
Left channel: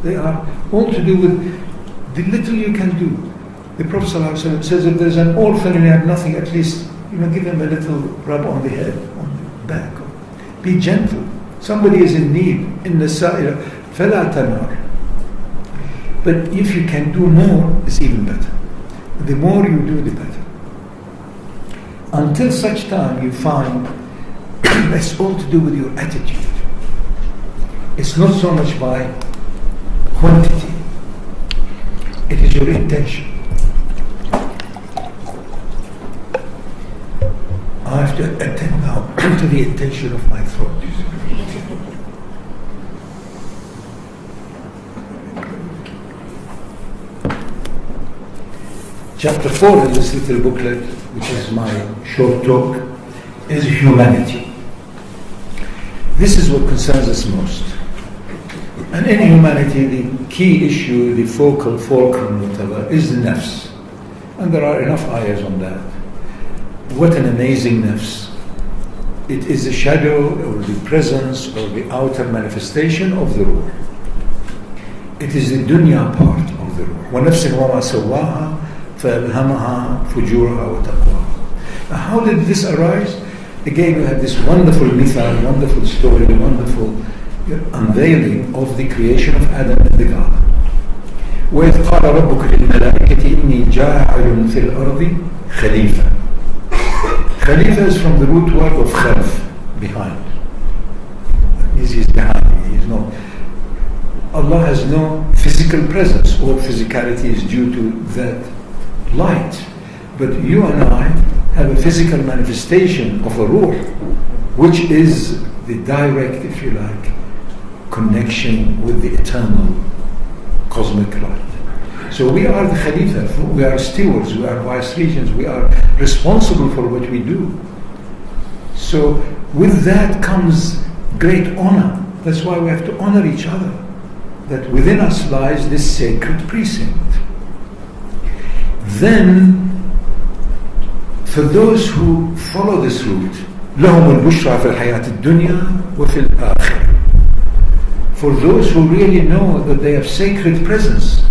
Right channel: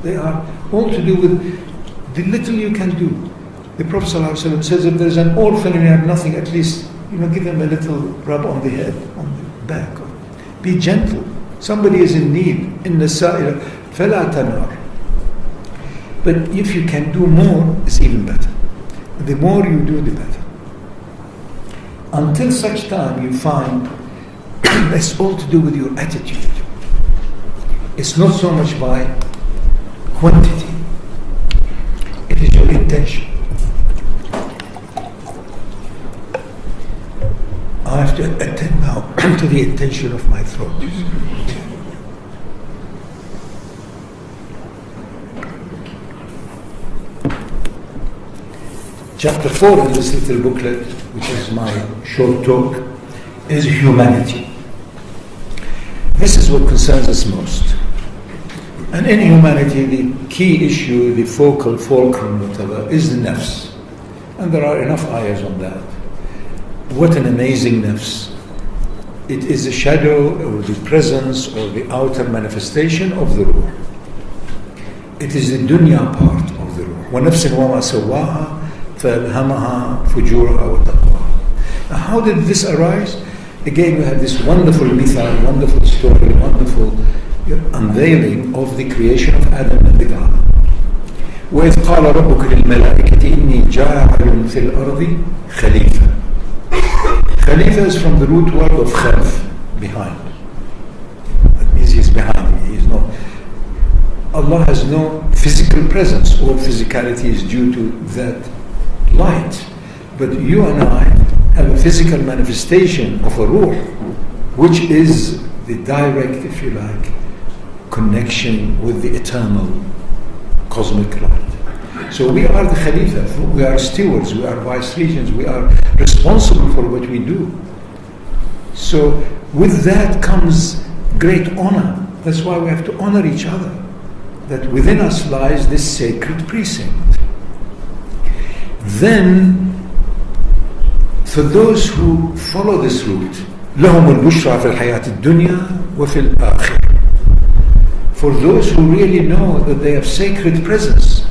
They are all to do with the little you can do. The Prophet ﷺ says if there's an orphan and you have nothing, at least give him a little rub on the head, on the back. Be gentle. Somebody is in need. In the sa'ira, فَلَا تَنْهَرْ. But if you can do more, it's even better. The more you do, the better. Until such time you find it's all to do with your attitude. It's not so much by quantity. It is your intention. I have to attend now to the intention of my throat. Chapter 4 in this little booklet, which is my short talk, is humanity. This is what concerns us most. And in humanity, the key issue, the focal fulcrum, whatever, is the nafs. And there are enough ayahs on that. What an amazing nafs. It is the shadow or the presence or the outer manifestation of the ruh. It is the dunya part of the ruh. وَنَفْسٍ وَمَا سَوَّاهَا فَأَلْهَمَهَا فُجُورَهَا وَتَقْوَاهَا. Now how did this arise? Again, we have this wonderful mithal, wonderful story, wonderful unveiling of the creation of Adam and the garden. وَإِذْ قَالَ رَبُّكَ لِلْمَلَائِكَةِ إِنِّي جَاعِلٌ فِي الْأَرْضِ خَلِيفَةً. Khalifa is from the root word of khalf, behind. That means he's behind me. He is not. Allah has no physical presence. All physicality is due to that light. But you and I have a physical manifestation of a ruh, which is the direct, if you like, connection with the eternal cosmic light. So we are the Khalifa, we are stewards, we are vice regents, we are responsible for what we do. So with that comes great honor. That's why we have to honor each other. That within us lies this sacred precinct. Then, for those who follow this route, لهم البشرى في الحياة الدنيا وفي الآخرة. For those who really know that they have sacred presence,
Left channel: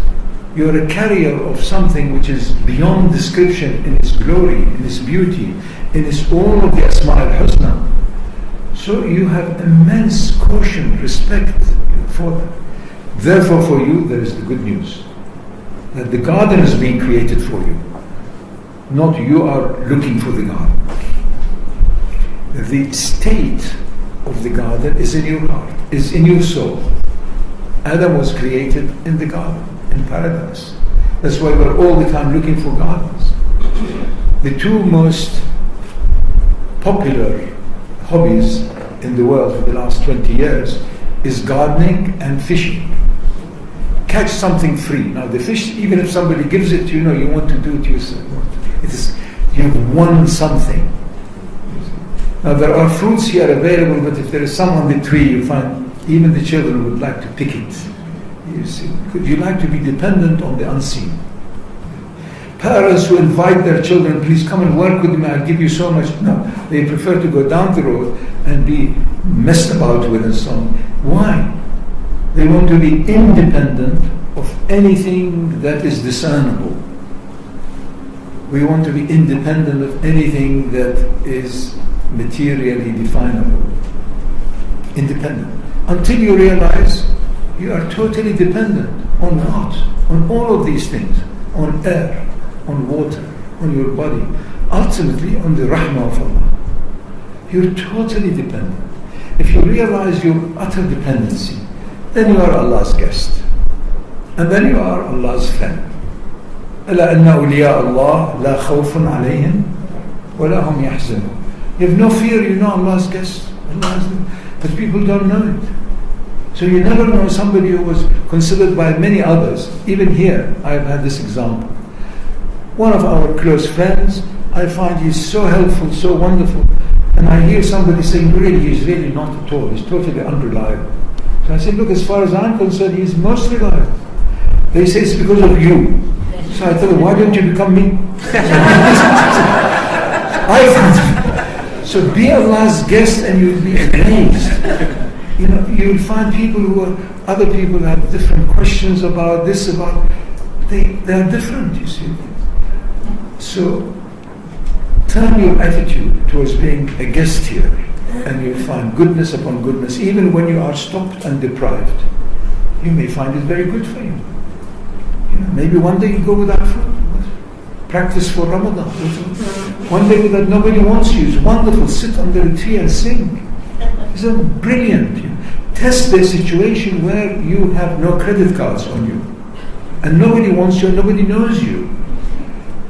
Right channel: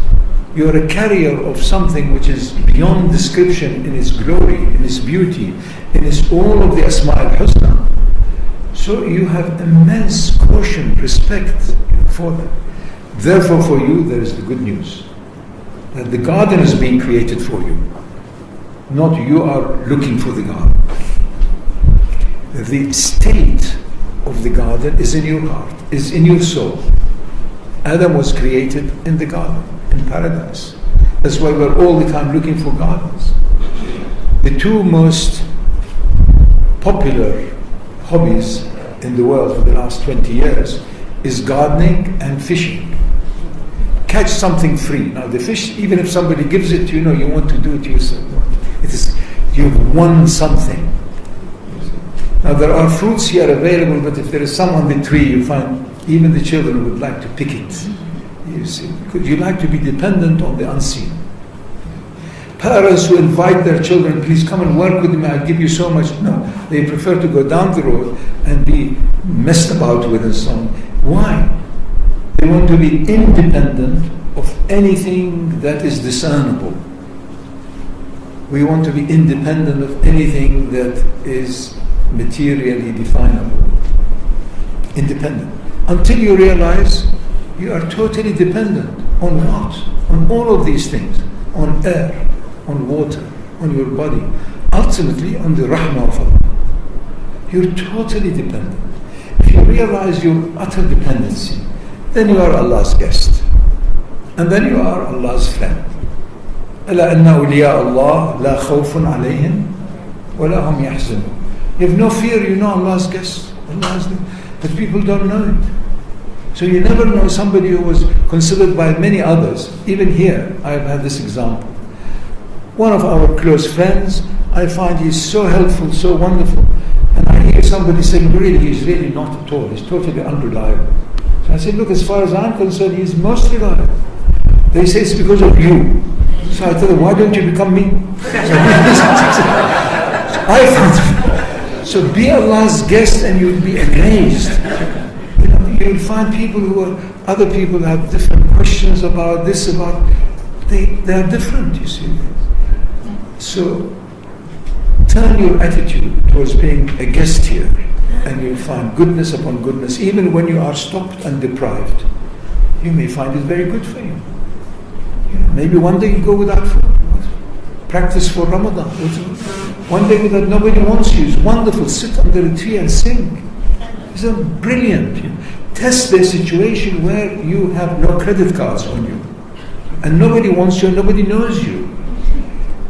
you are a carrier of something which is beyond description in its glory, in its beauty, in its all of the Asma al-Husna. So you have immense caution, respect for that. Therefore for you there is the good news, that the garden is being created for you, not you are looking for the garden. The state of the garden is in your heart, is in your soul. Adam was created in the garden, in paradise. That's why we're all the time looking for gardens. The two most popular hobbies in the world for the last 20 years is gardening and fishing. Catch something free. Now the fish, even if somebody gives it to you, you want to do it yourself. It is, you've won something. Now there are fruits here available, but if there is some on the tree, you find even the children would like to pick it. You see, because you like to be dependent on the unseen. Parents who invite their children, please come and work with me, I'll give you so much. No, they prefer to go down the road and be messed about with and so on. Why? They want to be independent of anything that is discernible. We want to be independent of anything that is materially definable. Independent. Until you realize you are totally dependent on what? On all of these things. On air, on water, on your body. Ultimately on the rahmah of Allah. You're totally dependent. If you realize your utter dependency, then you are Allah's guest. And then you are Allah's friend. أَلَا أَنَّ أَوْلِيَاءَ اللَّهِ لَا خَوْفٌ عَلَيْهِمْ وَلَا هُمْ يَحْزَنُونَ. You have no fear, you know Allah's guest. But people don't know it. So you never know somebody who was considered by many others. Even here, I have had this example. One of our close friends, I find he's so helpful, so wonderful. And I hear somebody saying, really, he's really not at all. He's totally unreliable. So I said, look, as far as I'm concerned, he's most reliable. They say it's because of you. So I tell them, why don't you become me? So be Allah's guest and you'll be amazed. You know, you'll find people other people have different questions about this, they are different, you see. So turn your attitude towards being a guest here, and you'll find goodness upon goodness. Even when you are stopped and deprived, you may find it very good for you. You know, maybe one day you go without food. Practice for Ramadan. One day without nobody wants you. It's wonderful. Sit under a tree and sing. It's brilliant. You know. Test the situation where you have no credit cards on you, and nobody wants you, and nobody knows you.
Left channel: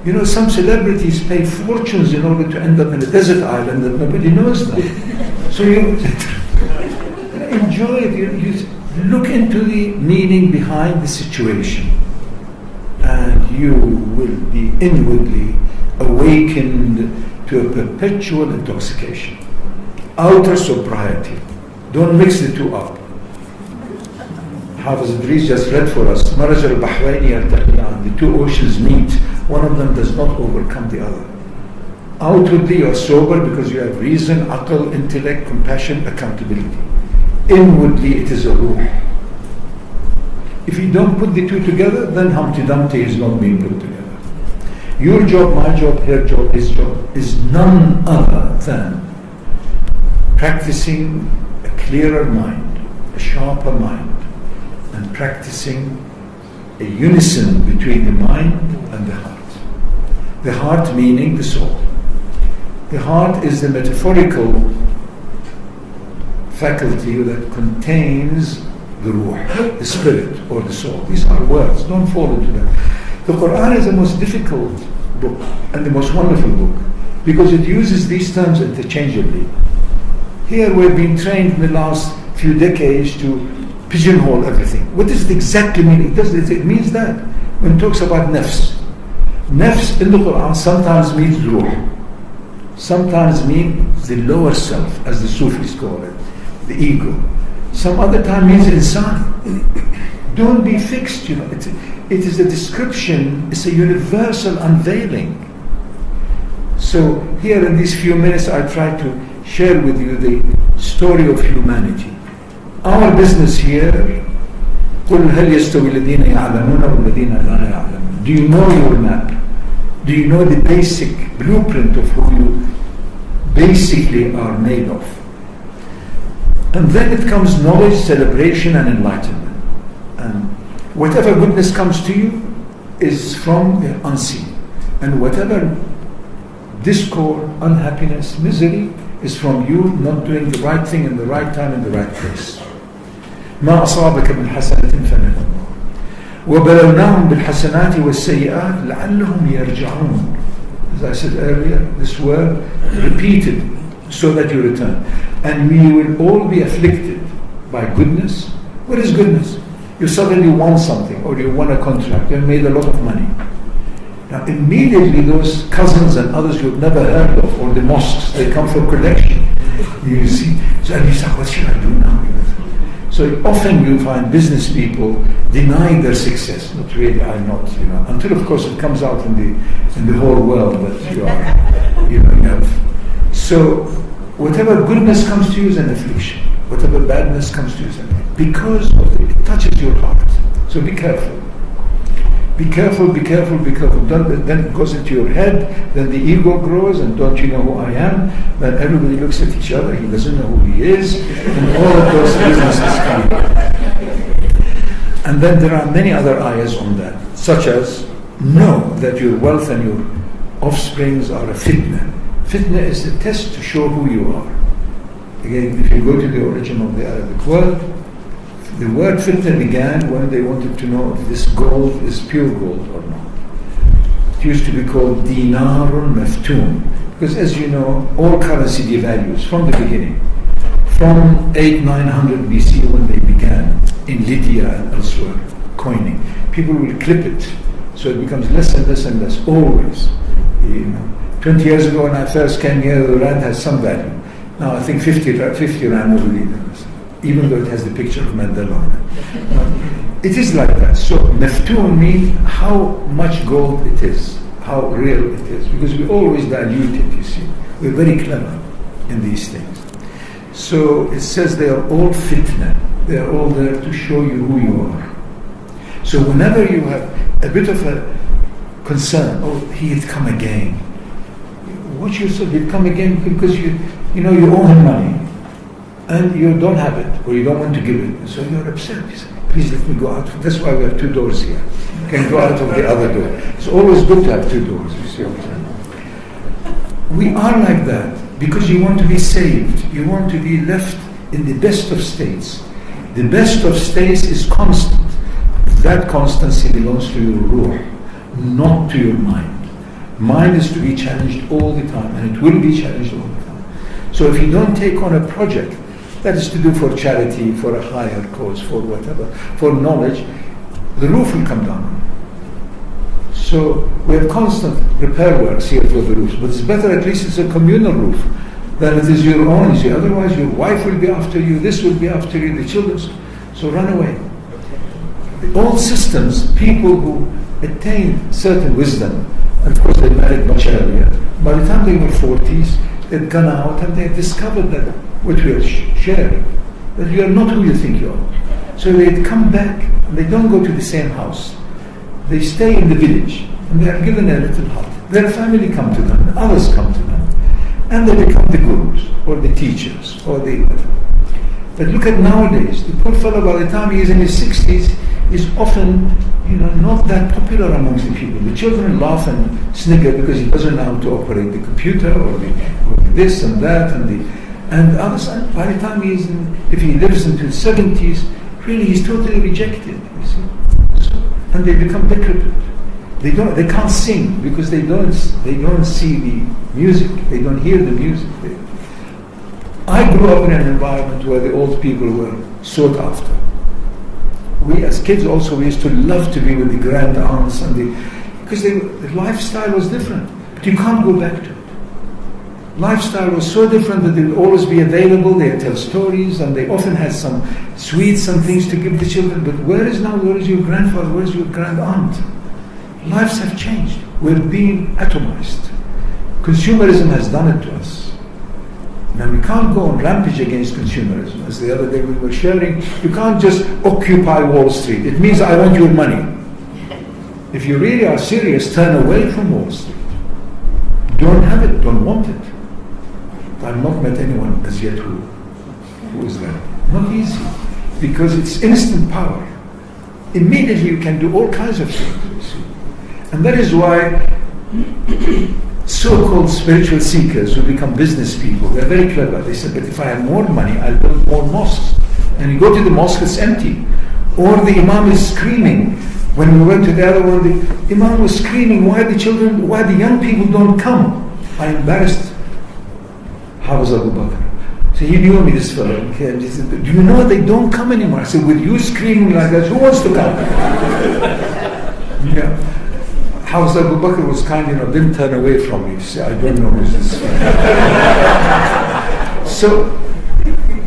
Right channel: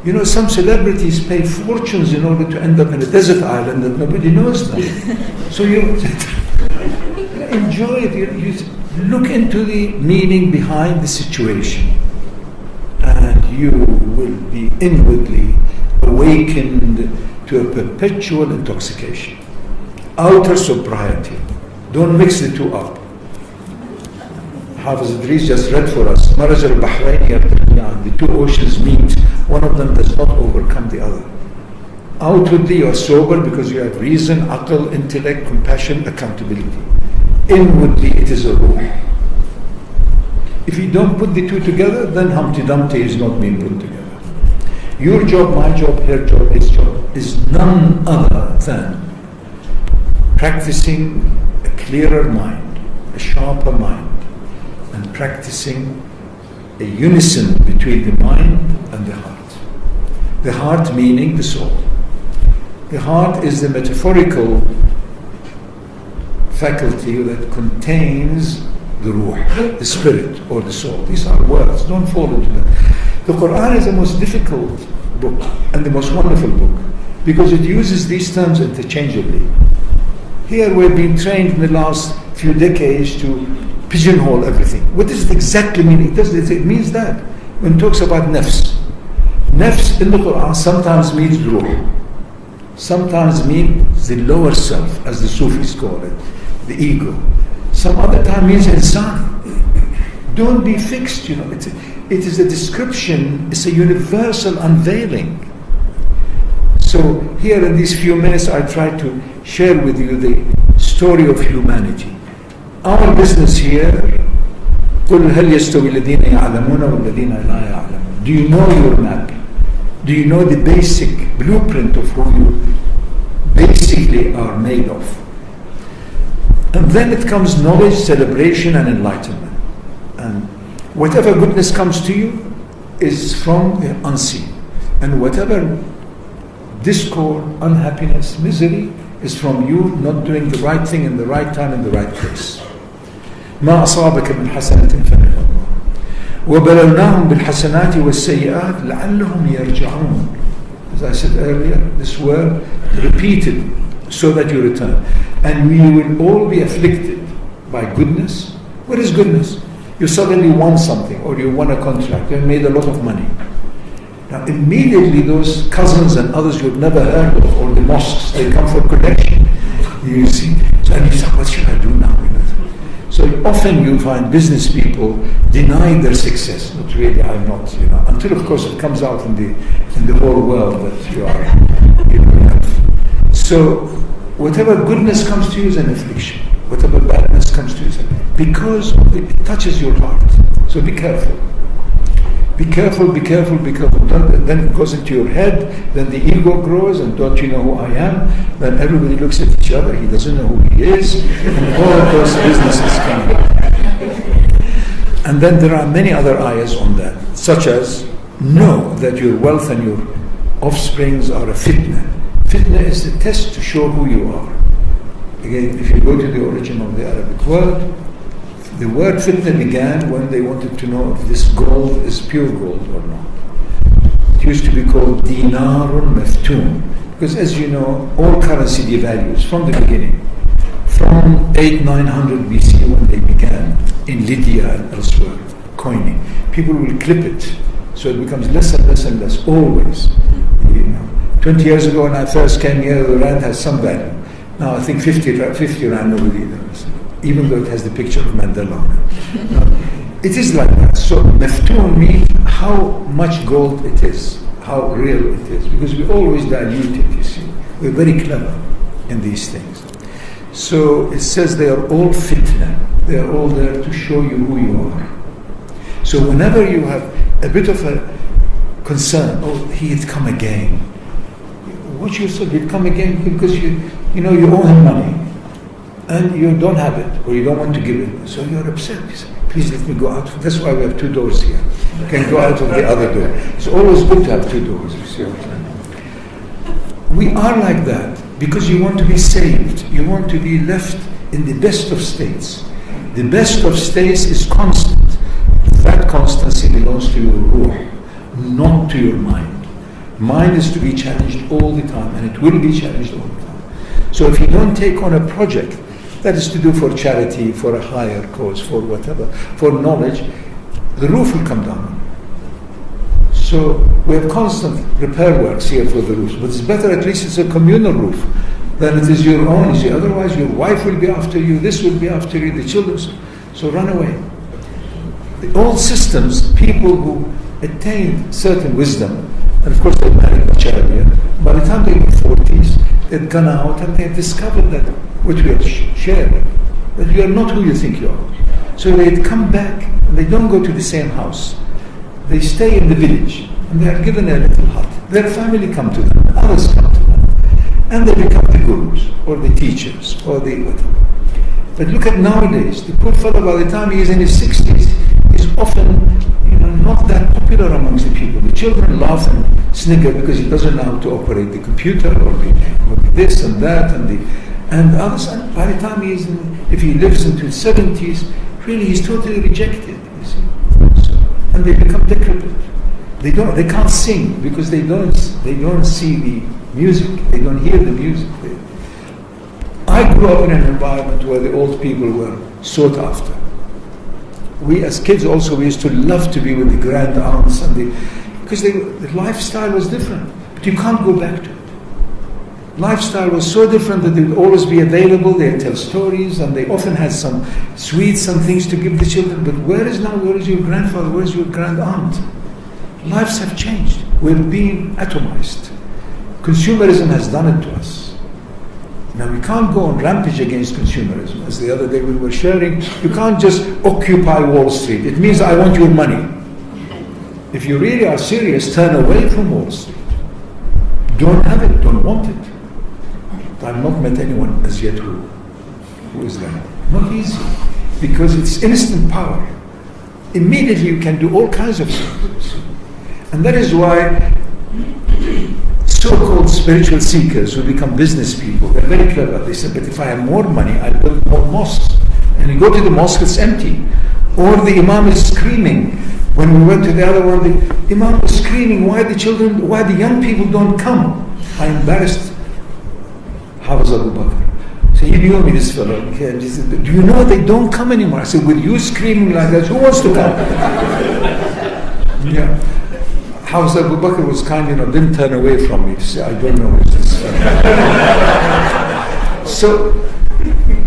You know, some celebrities pay fortunes in order to end up in a desert island that nobody knows them. So you enjoy it. You look into the meaning behind the situation, and you will be inwardly awakened to a perpetual intoxication. Outer sobriety. Don't mix the two up. Hafiz Idris just read for us, Maraj al-Bahraini yaltaqiyan, the two oceans meet. One of them does not overcome the other. Outwardly you are sober because you have reason, aql, intellect, compassion, accountability. Inwardly it is a ruh. If you don't put the two together, then Humpty Dumpty is not being put together. Your job, my job, her job, his job is none other than practicing a clearer mind, a sharper mind, and practicing a unison between the mind and the heart. The heart meaning the soul. The heart is the metaphorical faculty that contains the ruh, the spirit or the soul. These are words, don't fall into them. The Quran is the most difficult book and the most wonderful book because it uses these terms interchangeably. Here we've been trained in the last few decades to pigeonhole everything. What does it exactly mean? It means that when it talks about nafs. Nafs in the Quran sometimes means ruh, sometimes means the lower self, as the Sufis call it, the ego. Some other time means insan. Don't be fixed, you know. It is a description, it's a universal unveiling. So here in these few minutes I try to share with you the story of humanity. Our business here, قُلْ هَلْ يَسْتَوِي الَّذِينَ يَعْلَمُونَ وَالَّذِينَ لَا يَعْلَمُونَ. Do you know your map? Do you know the basic blueprint of who you basically are made of? And then it comes knowledge, celebration and enlightenment. And whatever goodness comes to you is from the unseen. And whatever discord, unhappiness, misery is from you not doing the right thing in the right time in the right place. ما أصابك من حسنة فمن الله وبلوناهم بالحسنات والسيئات لعلهم يرجعون. As I said earlier, this word repeated so that you return. And we will all be afflicted by goodness. What is goodness? You suddenly won something, or you won a contract, you made a lot of money. Now immediately those cousins and others you've never heard of, or the mosques, they come for collection. You see, so and you say, what should I do now? So often you find business people denying their success. Not really, I'm not, you know, until of course it comes out in the whole world that you are, you have. So whatever goodness comes to you is an affliction. Whatever badness comes to you is an affliction. Because it touches your heart. So be careful. Be careful, be careful, be careful. Then it goes into your head, then the ego grows, and don't you know who I am? Then everybody looks at each other, he doesn't know who he is, and all of those businesses come. And then there are many other ayahs on that, such as, know that your wealth and your offsprings are a fitna. Fitna is the test to show who you are. Again, if you go to the origin of the Arabic word, the word fitna began when they wanted to know if this gold is pure gold or not. It used to be called dinarun maftoon, because as you know, all currency devalues from the beginning. From 800-900 BC when they began in Lydia and elsewhere, coining. People will clip it So it becomes less and less and less, always. 20 years ago when I first came here, the rand has some value. Now I think 50 rand nobody knows, even though it has the picture of Mandela on it. It is like that. So maftoon means how much gold it is, how real it is, because we always dilute it, you see. We're very clever in these things. So it says they are all fitna. They are all there to show you who you are. So whenever you have a bit of a concern, oh, he'd come again. Watch yourself, he'd come again because you owe him money and you don't have it or you don't want to give it. So you're upset. You say, please let me go out. That's why we have 2 doors here. You can go out of the other door. It's always good to have 2 doors, you see what I'm saying? We are like that because you want to be saved. You want to be left in the best of states. The best of states is constant. That constancy belongs to your ruh, not to your mind. Mind is to be challenged all the time, and it will be challenged all the time. So if you don't take on a project that is to do for charity, for a higher cause, for whatever, for knowledge, the roof will come down. So we have constant repair works here for the roofs, but it's better at least it's a communal roof than it is your own. You see, otherwise your wife will be after you, this will be after you, the children. So run away. All systems, people who attain certain wisdom, and of course they married much earlier, by the time they were 40s, they'd gone out and they discovered that what we are sharing, that you are not who you think you are. So they'd come back and they don't go to the same house. They stay in the village and they are given a little hut. Their family come to them, and others come to them. And they become the gurus or the teachers or the whatever. But look at nowadays, the poor fellow by the time he is in his 60s is often not that popular amongst the people. The children laugh and snigger because he doesn't know how to operate the computer or the this and that and others. And by the time he is if he lives into his 70s, really he's totally rejected. You see, and they become decrepit. They can't sing because they don't see the music. They don't hear the music. I grew up in an environment where the old people were sought after. We as kids also, we used to love to be with the grand aunts because the lifestyle was different. But you can't go back to it. Lifestyle was so different that they would always be available. They'd tell stories and they often had some sweets and things to give the children. But where is your grandfather? Where is your grand aunt? Lives have changed. We're being atomized. Consumerism has done it to us. Now we can't go on rampage against consumerism. As the other day we were sharing, you can't just occupy Wall Street. It means I want your money. If you really are serious, turn away from Wall Street. Don't have it, don't want it. I've not met anyone as yet who is that. Not easy. Because it's instant power. Immediately you can do all kinds of things. And that is why so-called spiritual seekers who become business people, they're very clever. They say, but if I have more money, I'll build more mosques. And you go to the mosque, it's empty. Or the imam is screaming. When we went to the other one, the imam was screaming, why the young people don't come? I embarrassed Hafiz Abu Bakr. So he knew me, this fellow. He said, do you know they don't come anymore? I said, with you screaming like that, who wants to come? Yeah. Hafiz Abu Bakr was kind enough, didn't turn away from me to say, I don't know who's this fellow. So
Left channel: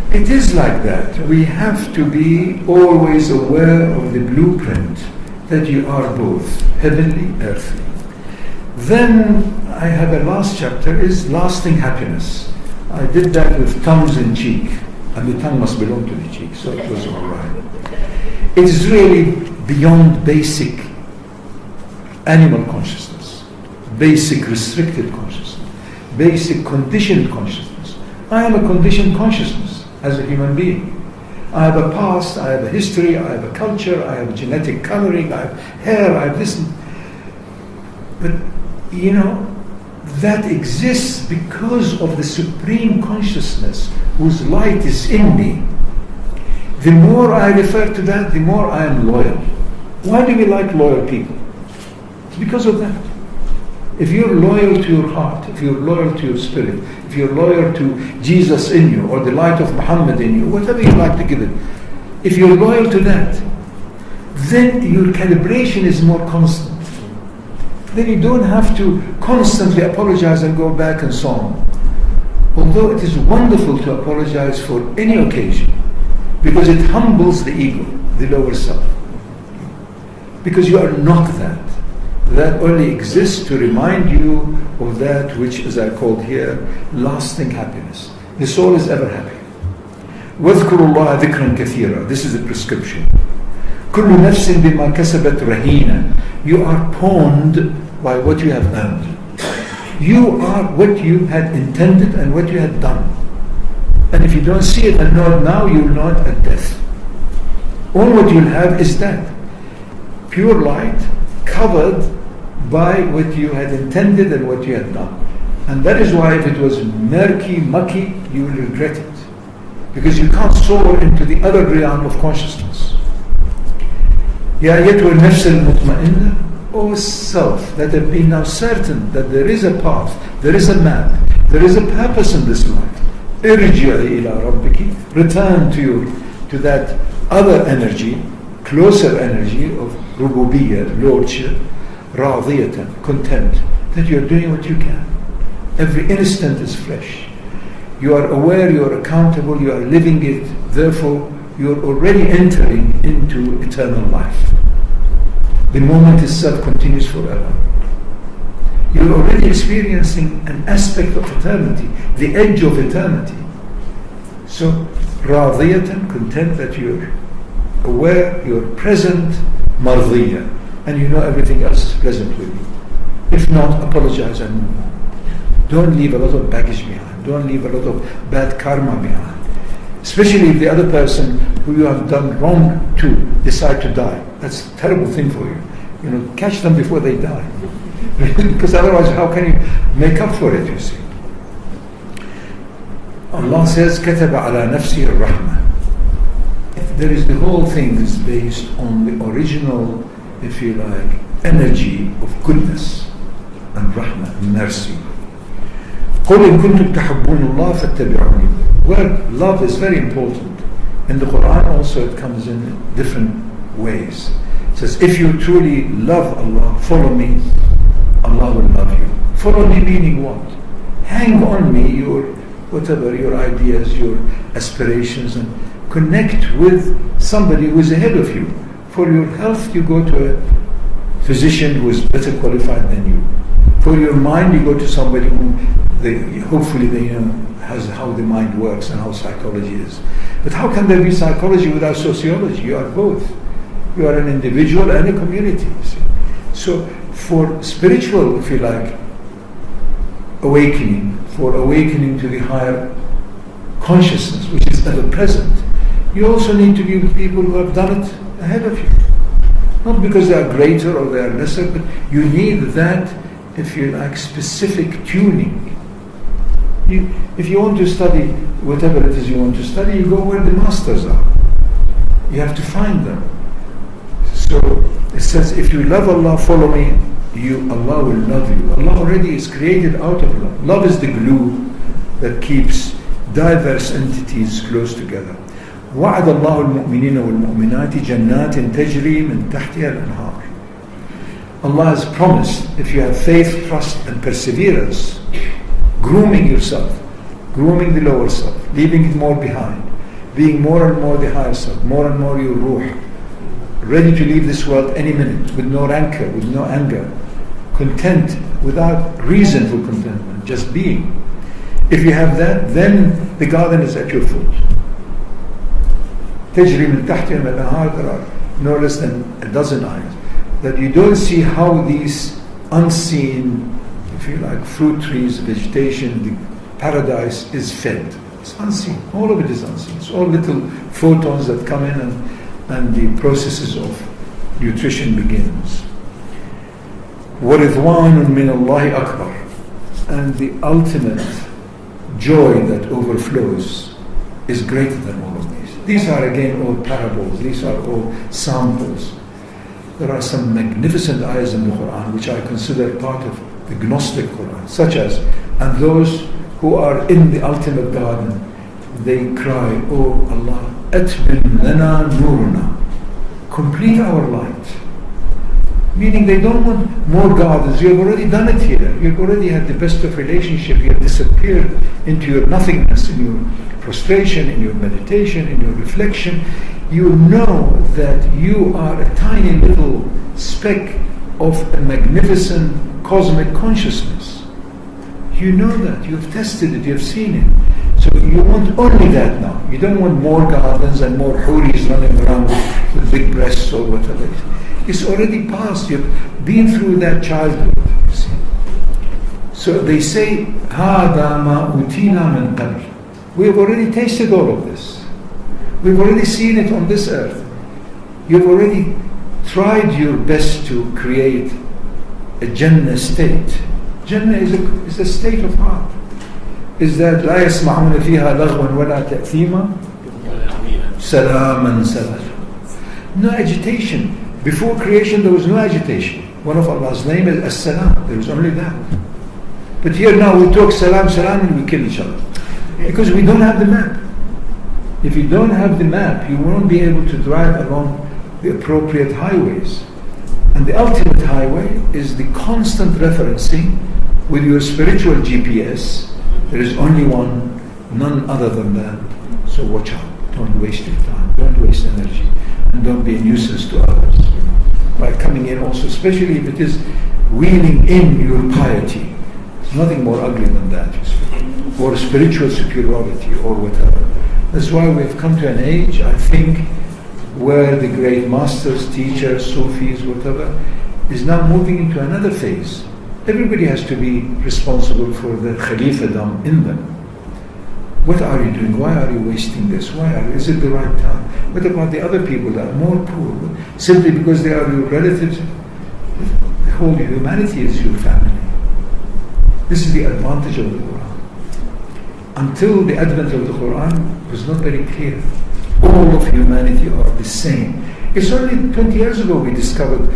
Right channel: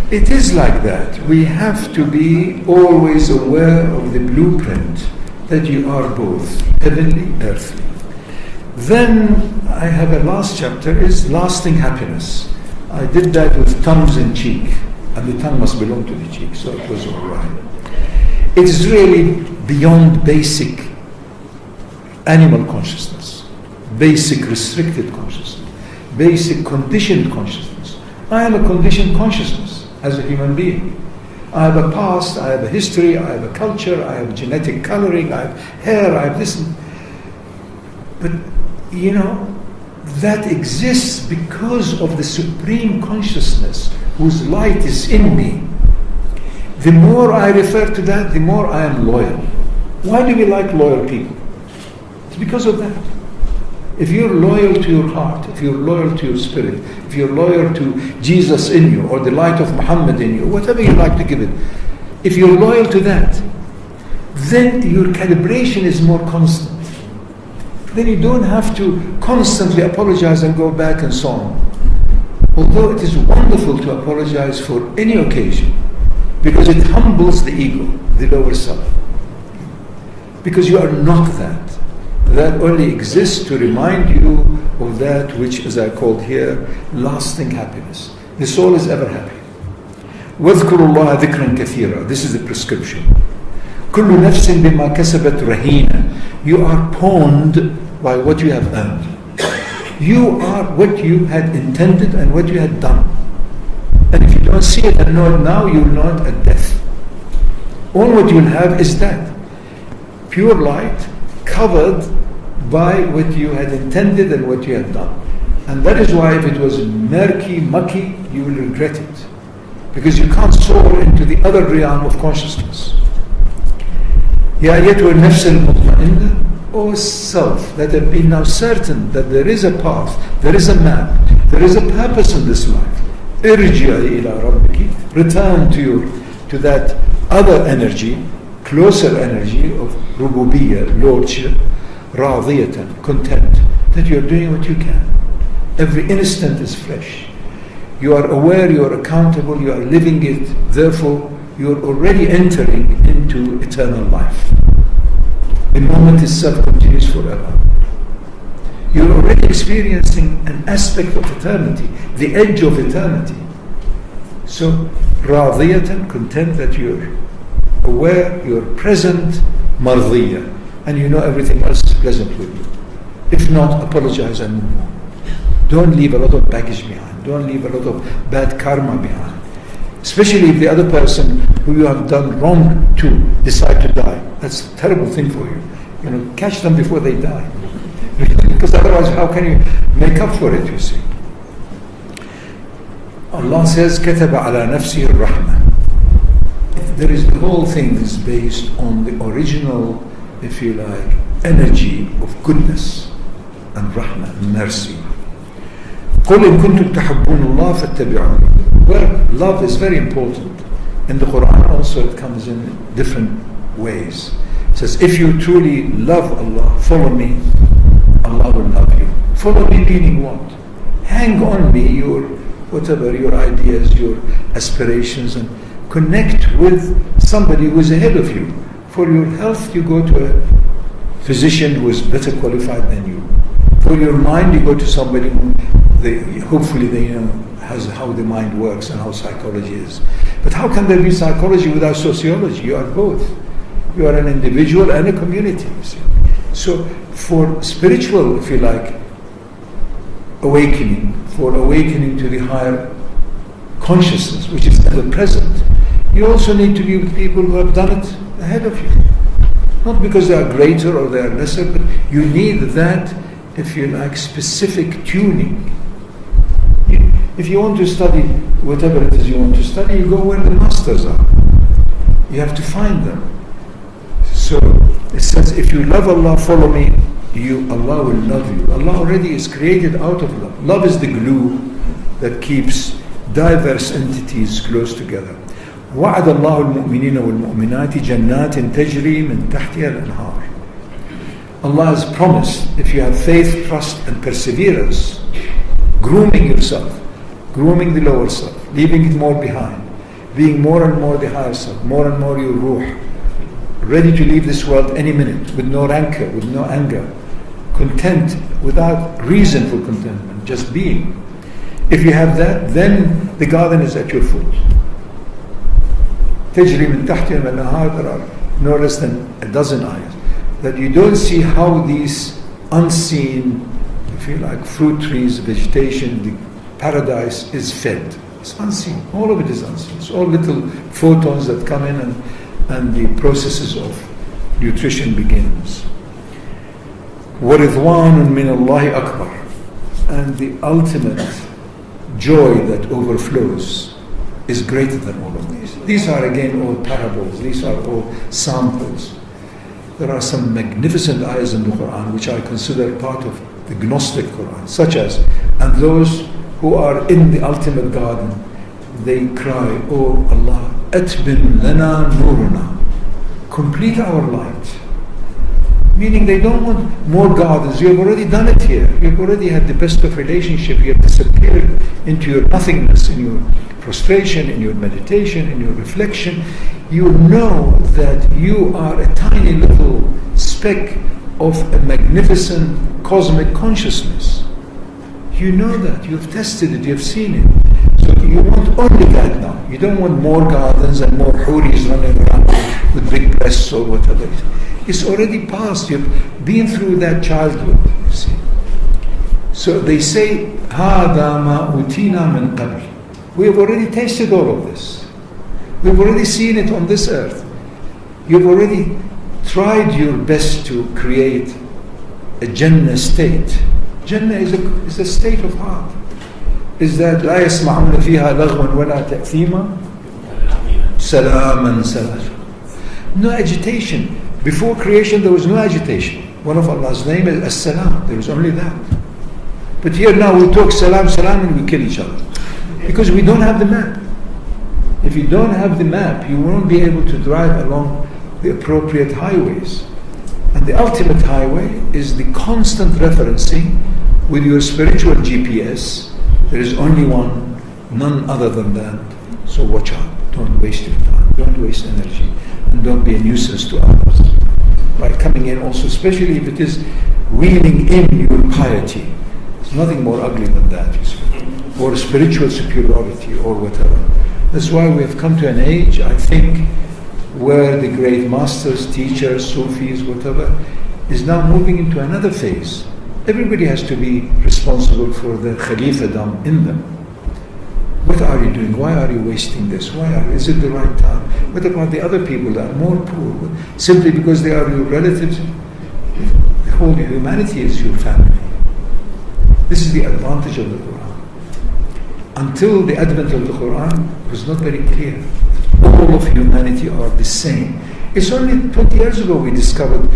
it is like that. We have to be always aware of the blueprint that you are both heavenly, earthly. Then I have a last chapter, is lasting happiness. I did that with tongues in cheek, and the tongue must belong to the cheek, so it was all right. It is really beyond basic animal consciousness, basic restricted consciousness, basic conditioned consciousness. I am a conditioned consciousness as a human being. I have a past, I have a history, I have a culture, I have genetic coloring, I have hair, I have this. But that exists because of the supreme consciousness whose light is in me. The more I refer to that, the more I am loyal. Why do we like loyal people? It's because of that. If you're loyal to your heart, if you're loyal to your spirit, if you're loyal to Jesus in you, or the light of Muhammad in you, whatever you like to give it, if you're loyal to that, then your calibration is more constant. then you don't have to constantly apologize and go back and so on. Although it is wonderful to apologize for any occasion, because it humbles the ego, the lower self. Because you are not that. That only exists to remind you of that which, as I called here, lasting happiness. The soul is ever happy. وَاذْكُرُوا اللَّهَ ذِكْرًا كَثِيرًا. This is the prescription. كُلُّ نَفْسٍ بِمَا كَسَبَتْ رَهِينًا. You are pawned by what you have earned. You are what you had intended and what you had done. And if you don't see it and know it now, you will know it at death. All what you will have is that. Pure light covered by what you had intended and what you had done. And that is why if it was murky, mucky, you will regret it. Because you can't soar into the other realm of consciousness. Ya أيتها النفس المطمئنة, O self, that have been now certain that there is a path, there is a map, there is a purpose in this life. Irji'i ila rabbiki, return to that other energy, closer energy of rububiyyah, lordship, radiyatan, content, that you are doing what you can. Every instant is fresh. You are aware, you are accountable, you are living it, therefore you are already entering into eternal life. The moment itself continues forever. You are already experiencing an aspect of eternity, the edge of eternity. So, radiyatan, content that you're aware, you're present, mardiyah, and you know everything else is pleasant with you. If not, apologize and move on. Don't leave a lot of baggage behind. Don't leave a lot of bad karma behind. Especially if the other person who you have done wrong to decide to die. That's a terrible thing for you. You know, catch them before they die. Because otherwise, how can you make up for it, you see? Allah says, كَتَبَ عَلَى نَفْسِهِ الرَّحْمَةِ. There is, the whole thing is based on the original, if you like, energy of goodness and rahmah and mercy. قُلْ إِن كُنْتُمْ تَحَبُّونَ اللَّهَ فَاتَّبِعُونِي. Where love is very important. In the Quran also it comes in different ways. It says, if you truly love Allah, follow me, Allah will love you. Follow me meaning what? Hang on me, your whatever, your ideas, your aspirations, and connect with somebody who is ahead of you. For your health, you go to a physician who is better qualified than you. For your mind, you go to somebody who hopefully they know how the mind works and how psychology is. But how can there be psychology without sociology? You are both. You are an individual and a community. You see. So for spiritual, if you like, awakening, for awakening to the higher consciousness, which is ever present, you also need to be with people who have done it ahead of you. Not because they are greater or they are lesser, but you need that, if you like, specific tuning. If you want to study whatever it is you want to study, you go where the masters are. You have to find them. So it says, if you love Allah, follow me, Allah will love you. Allah already is created out of love. Love is the glue that keeps diverse entities close together. وعد الله المؤمنين والمؤمنات جنات تجري من تحتها الأنهار. Allah has promised, if you have faith, trust and perseverance, grooming yourself, grooming the lower self, leaving it more behind, being more and more the higher self, more and more your ruh, ready to leave this world any minute, with no rancor, with no anger, content, without reason for contentment, just being. If you have that, then the garden is at your foot. تجري من تحتها الأنهار, there are no less than a dozen ayahs, that you don't see how these unseen, if you like, fruit trees, vegetation, the paradise is fed. It's unseen. All of it is unseen. It's all little photons that come in and the processes of nutrition begins. وَرِضْوَانٌ مِّنَ اللَّهِ أَكْبَرٌ. And the ultimate joy that overflows is greater than all of these. These are again all parables. These are all samples. There are some magnificent ayahs in the Quran which I consider part of the Gnostic Quran, such as, and those who are in the ultimate garden, they cry, Oh Allah, atbim lana nuruna, complete our light. Meaning they don't want more gardens. You have already done it here. You've already had the best of relationship. You have disappeared into your nothingness, in your prostration, in your meditation, in your reflection. You know that you are a tiny little speck of a magnificent cosmic consciousness. You know that. You've tested it. You've seen it. So you want only that now. You don't want more gardens and more huris running around with big breasts or whatever. It's already past. You've been through that childhood, you see. So they say, هَذَا مَا أُوتِينَا مِنْ قَبْلِ. We have already tasted all of this. We've already seen it on this earth. You've already tried your best to create a Jannah state. Jannah is a state of heart. Is that لا يسمعون فيها لغوا ولا تأثيما سلاما سلاما. No agitation. Before creation there was no agitation. One of Allah's name is As-Salam. There is only that. But here now we talk salam, salam and we kill each other. Because we don't have the map. If you don't have the map, you won't be able to drive along the appropriate highways. And the ultimate highway is the constant referencing with your spiritual GPS. There is only one, none other than that. So watch out. Don't waste your time. Don't waste energy. And don't be a nuisance to others. By coming in also, especially if it is wheeling in your piety. There's nothing more ugly than that, you see. Or spiritual superiority or whatever. That's why we have come to an age, I think, where the great masters, teachers, Sufis, whatever, is now moving into another phase. Everybody has to be responsible for the Khalifadom in them. What are you doing? Why are you wasting this? Is it the right time? What about the other people that are more poor? Simply because they are your relatives? The whole humanity is your family. This is the advantage of the Quran. Until the advent of the Quran, it was not very clear. All of humanity are the same. It's only 20 years ago we discovered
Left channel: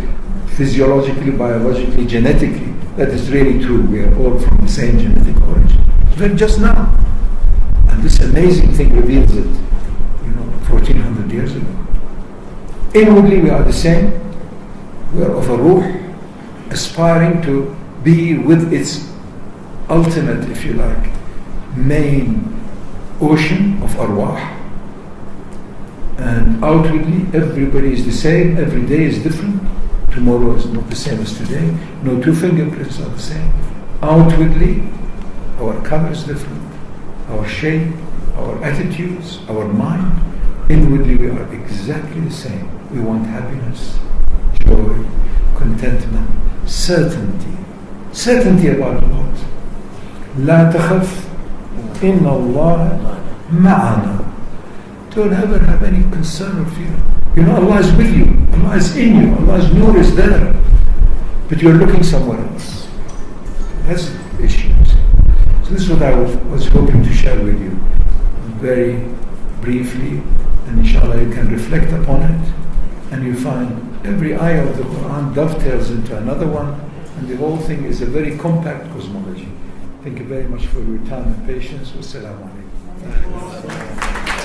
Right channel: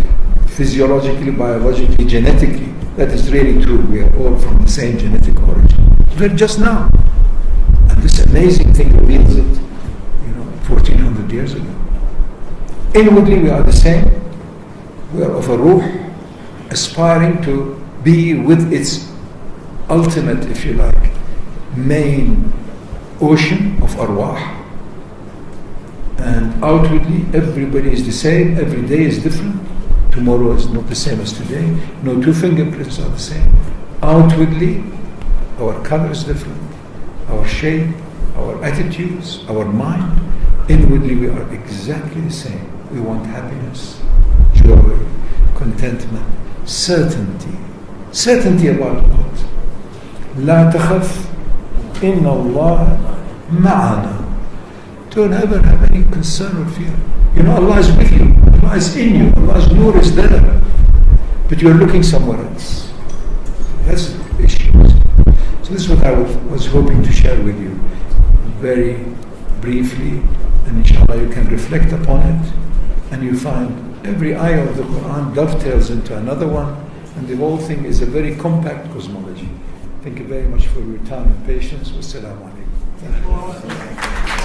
physiologically, biologically, genetically, that is really true. We are all from the same genetic origin. But just now. And this amazing thing reveals it, 1400 years ago. Inwardly we are the same. We are of a ruh, aspiring to be with its ultimate, if you like, main ocean of arwah. And outwardly everybody is the same. Every day is different. Tomorrow is not the same as today. No two fingerprints are the same. Outwardly our color is different, our shape, our attitudes, our mind. Inwardly we are exactly the same. We want happiness, joy, contentment, certainty. Certainty about what? لا تخف إن الله معنا. Don't ever have any concern or fear. Allah is with you. Allah is in you. Allah's nur is there. But you're looking somewhere else. That's the issue. So this is what I was hoping to share with you very briefly. And inshallah you can reflect upon it. And you find every ayah of the Quran dovetails into another one. And the whole thing is a very compact cosmology. Thank you very much for your time and patience. Wassalamu alaikum.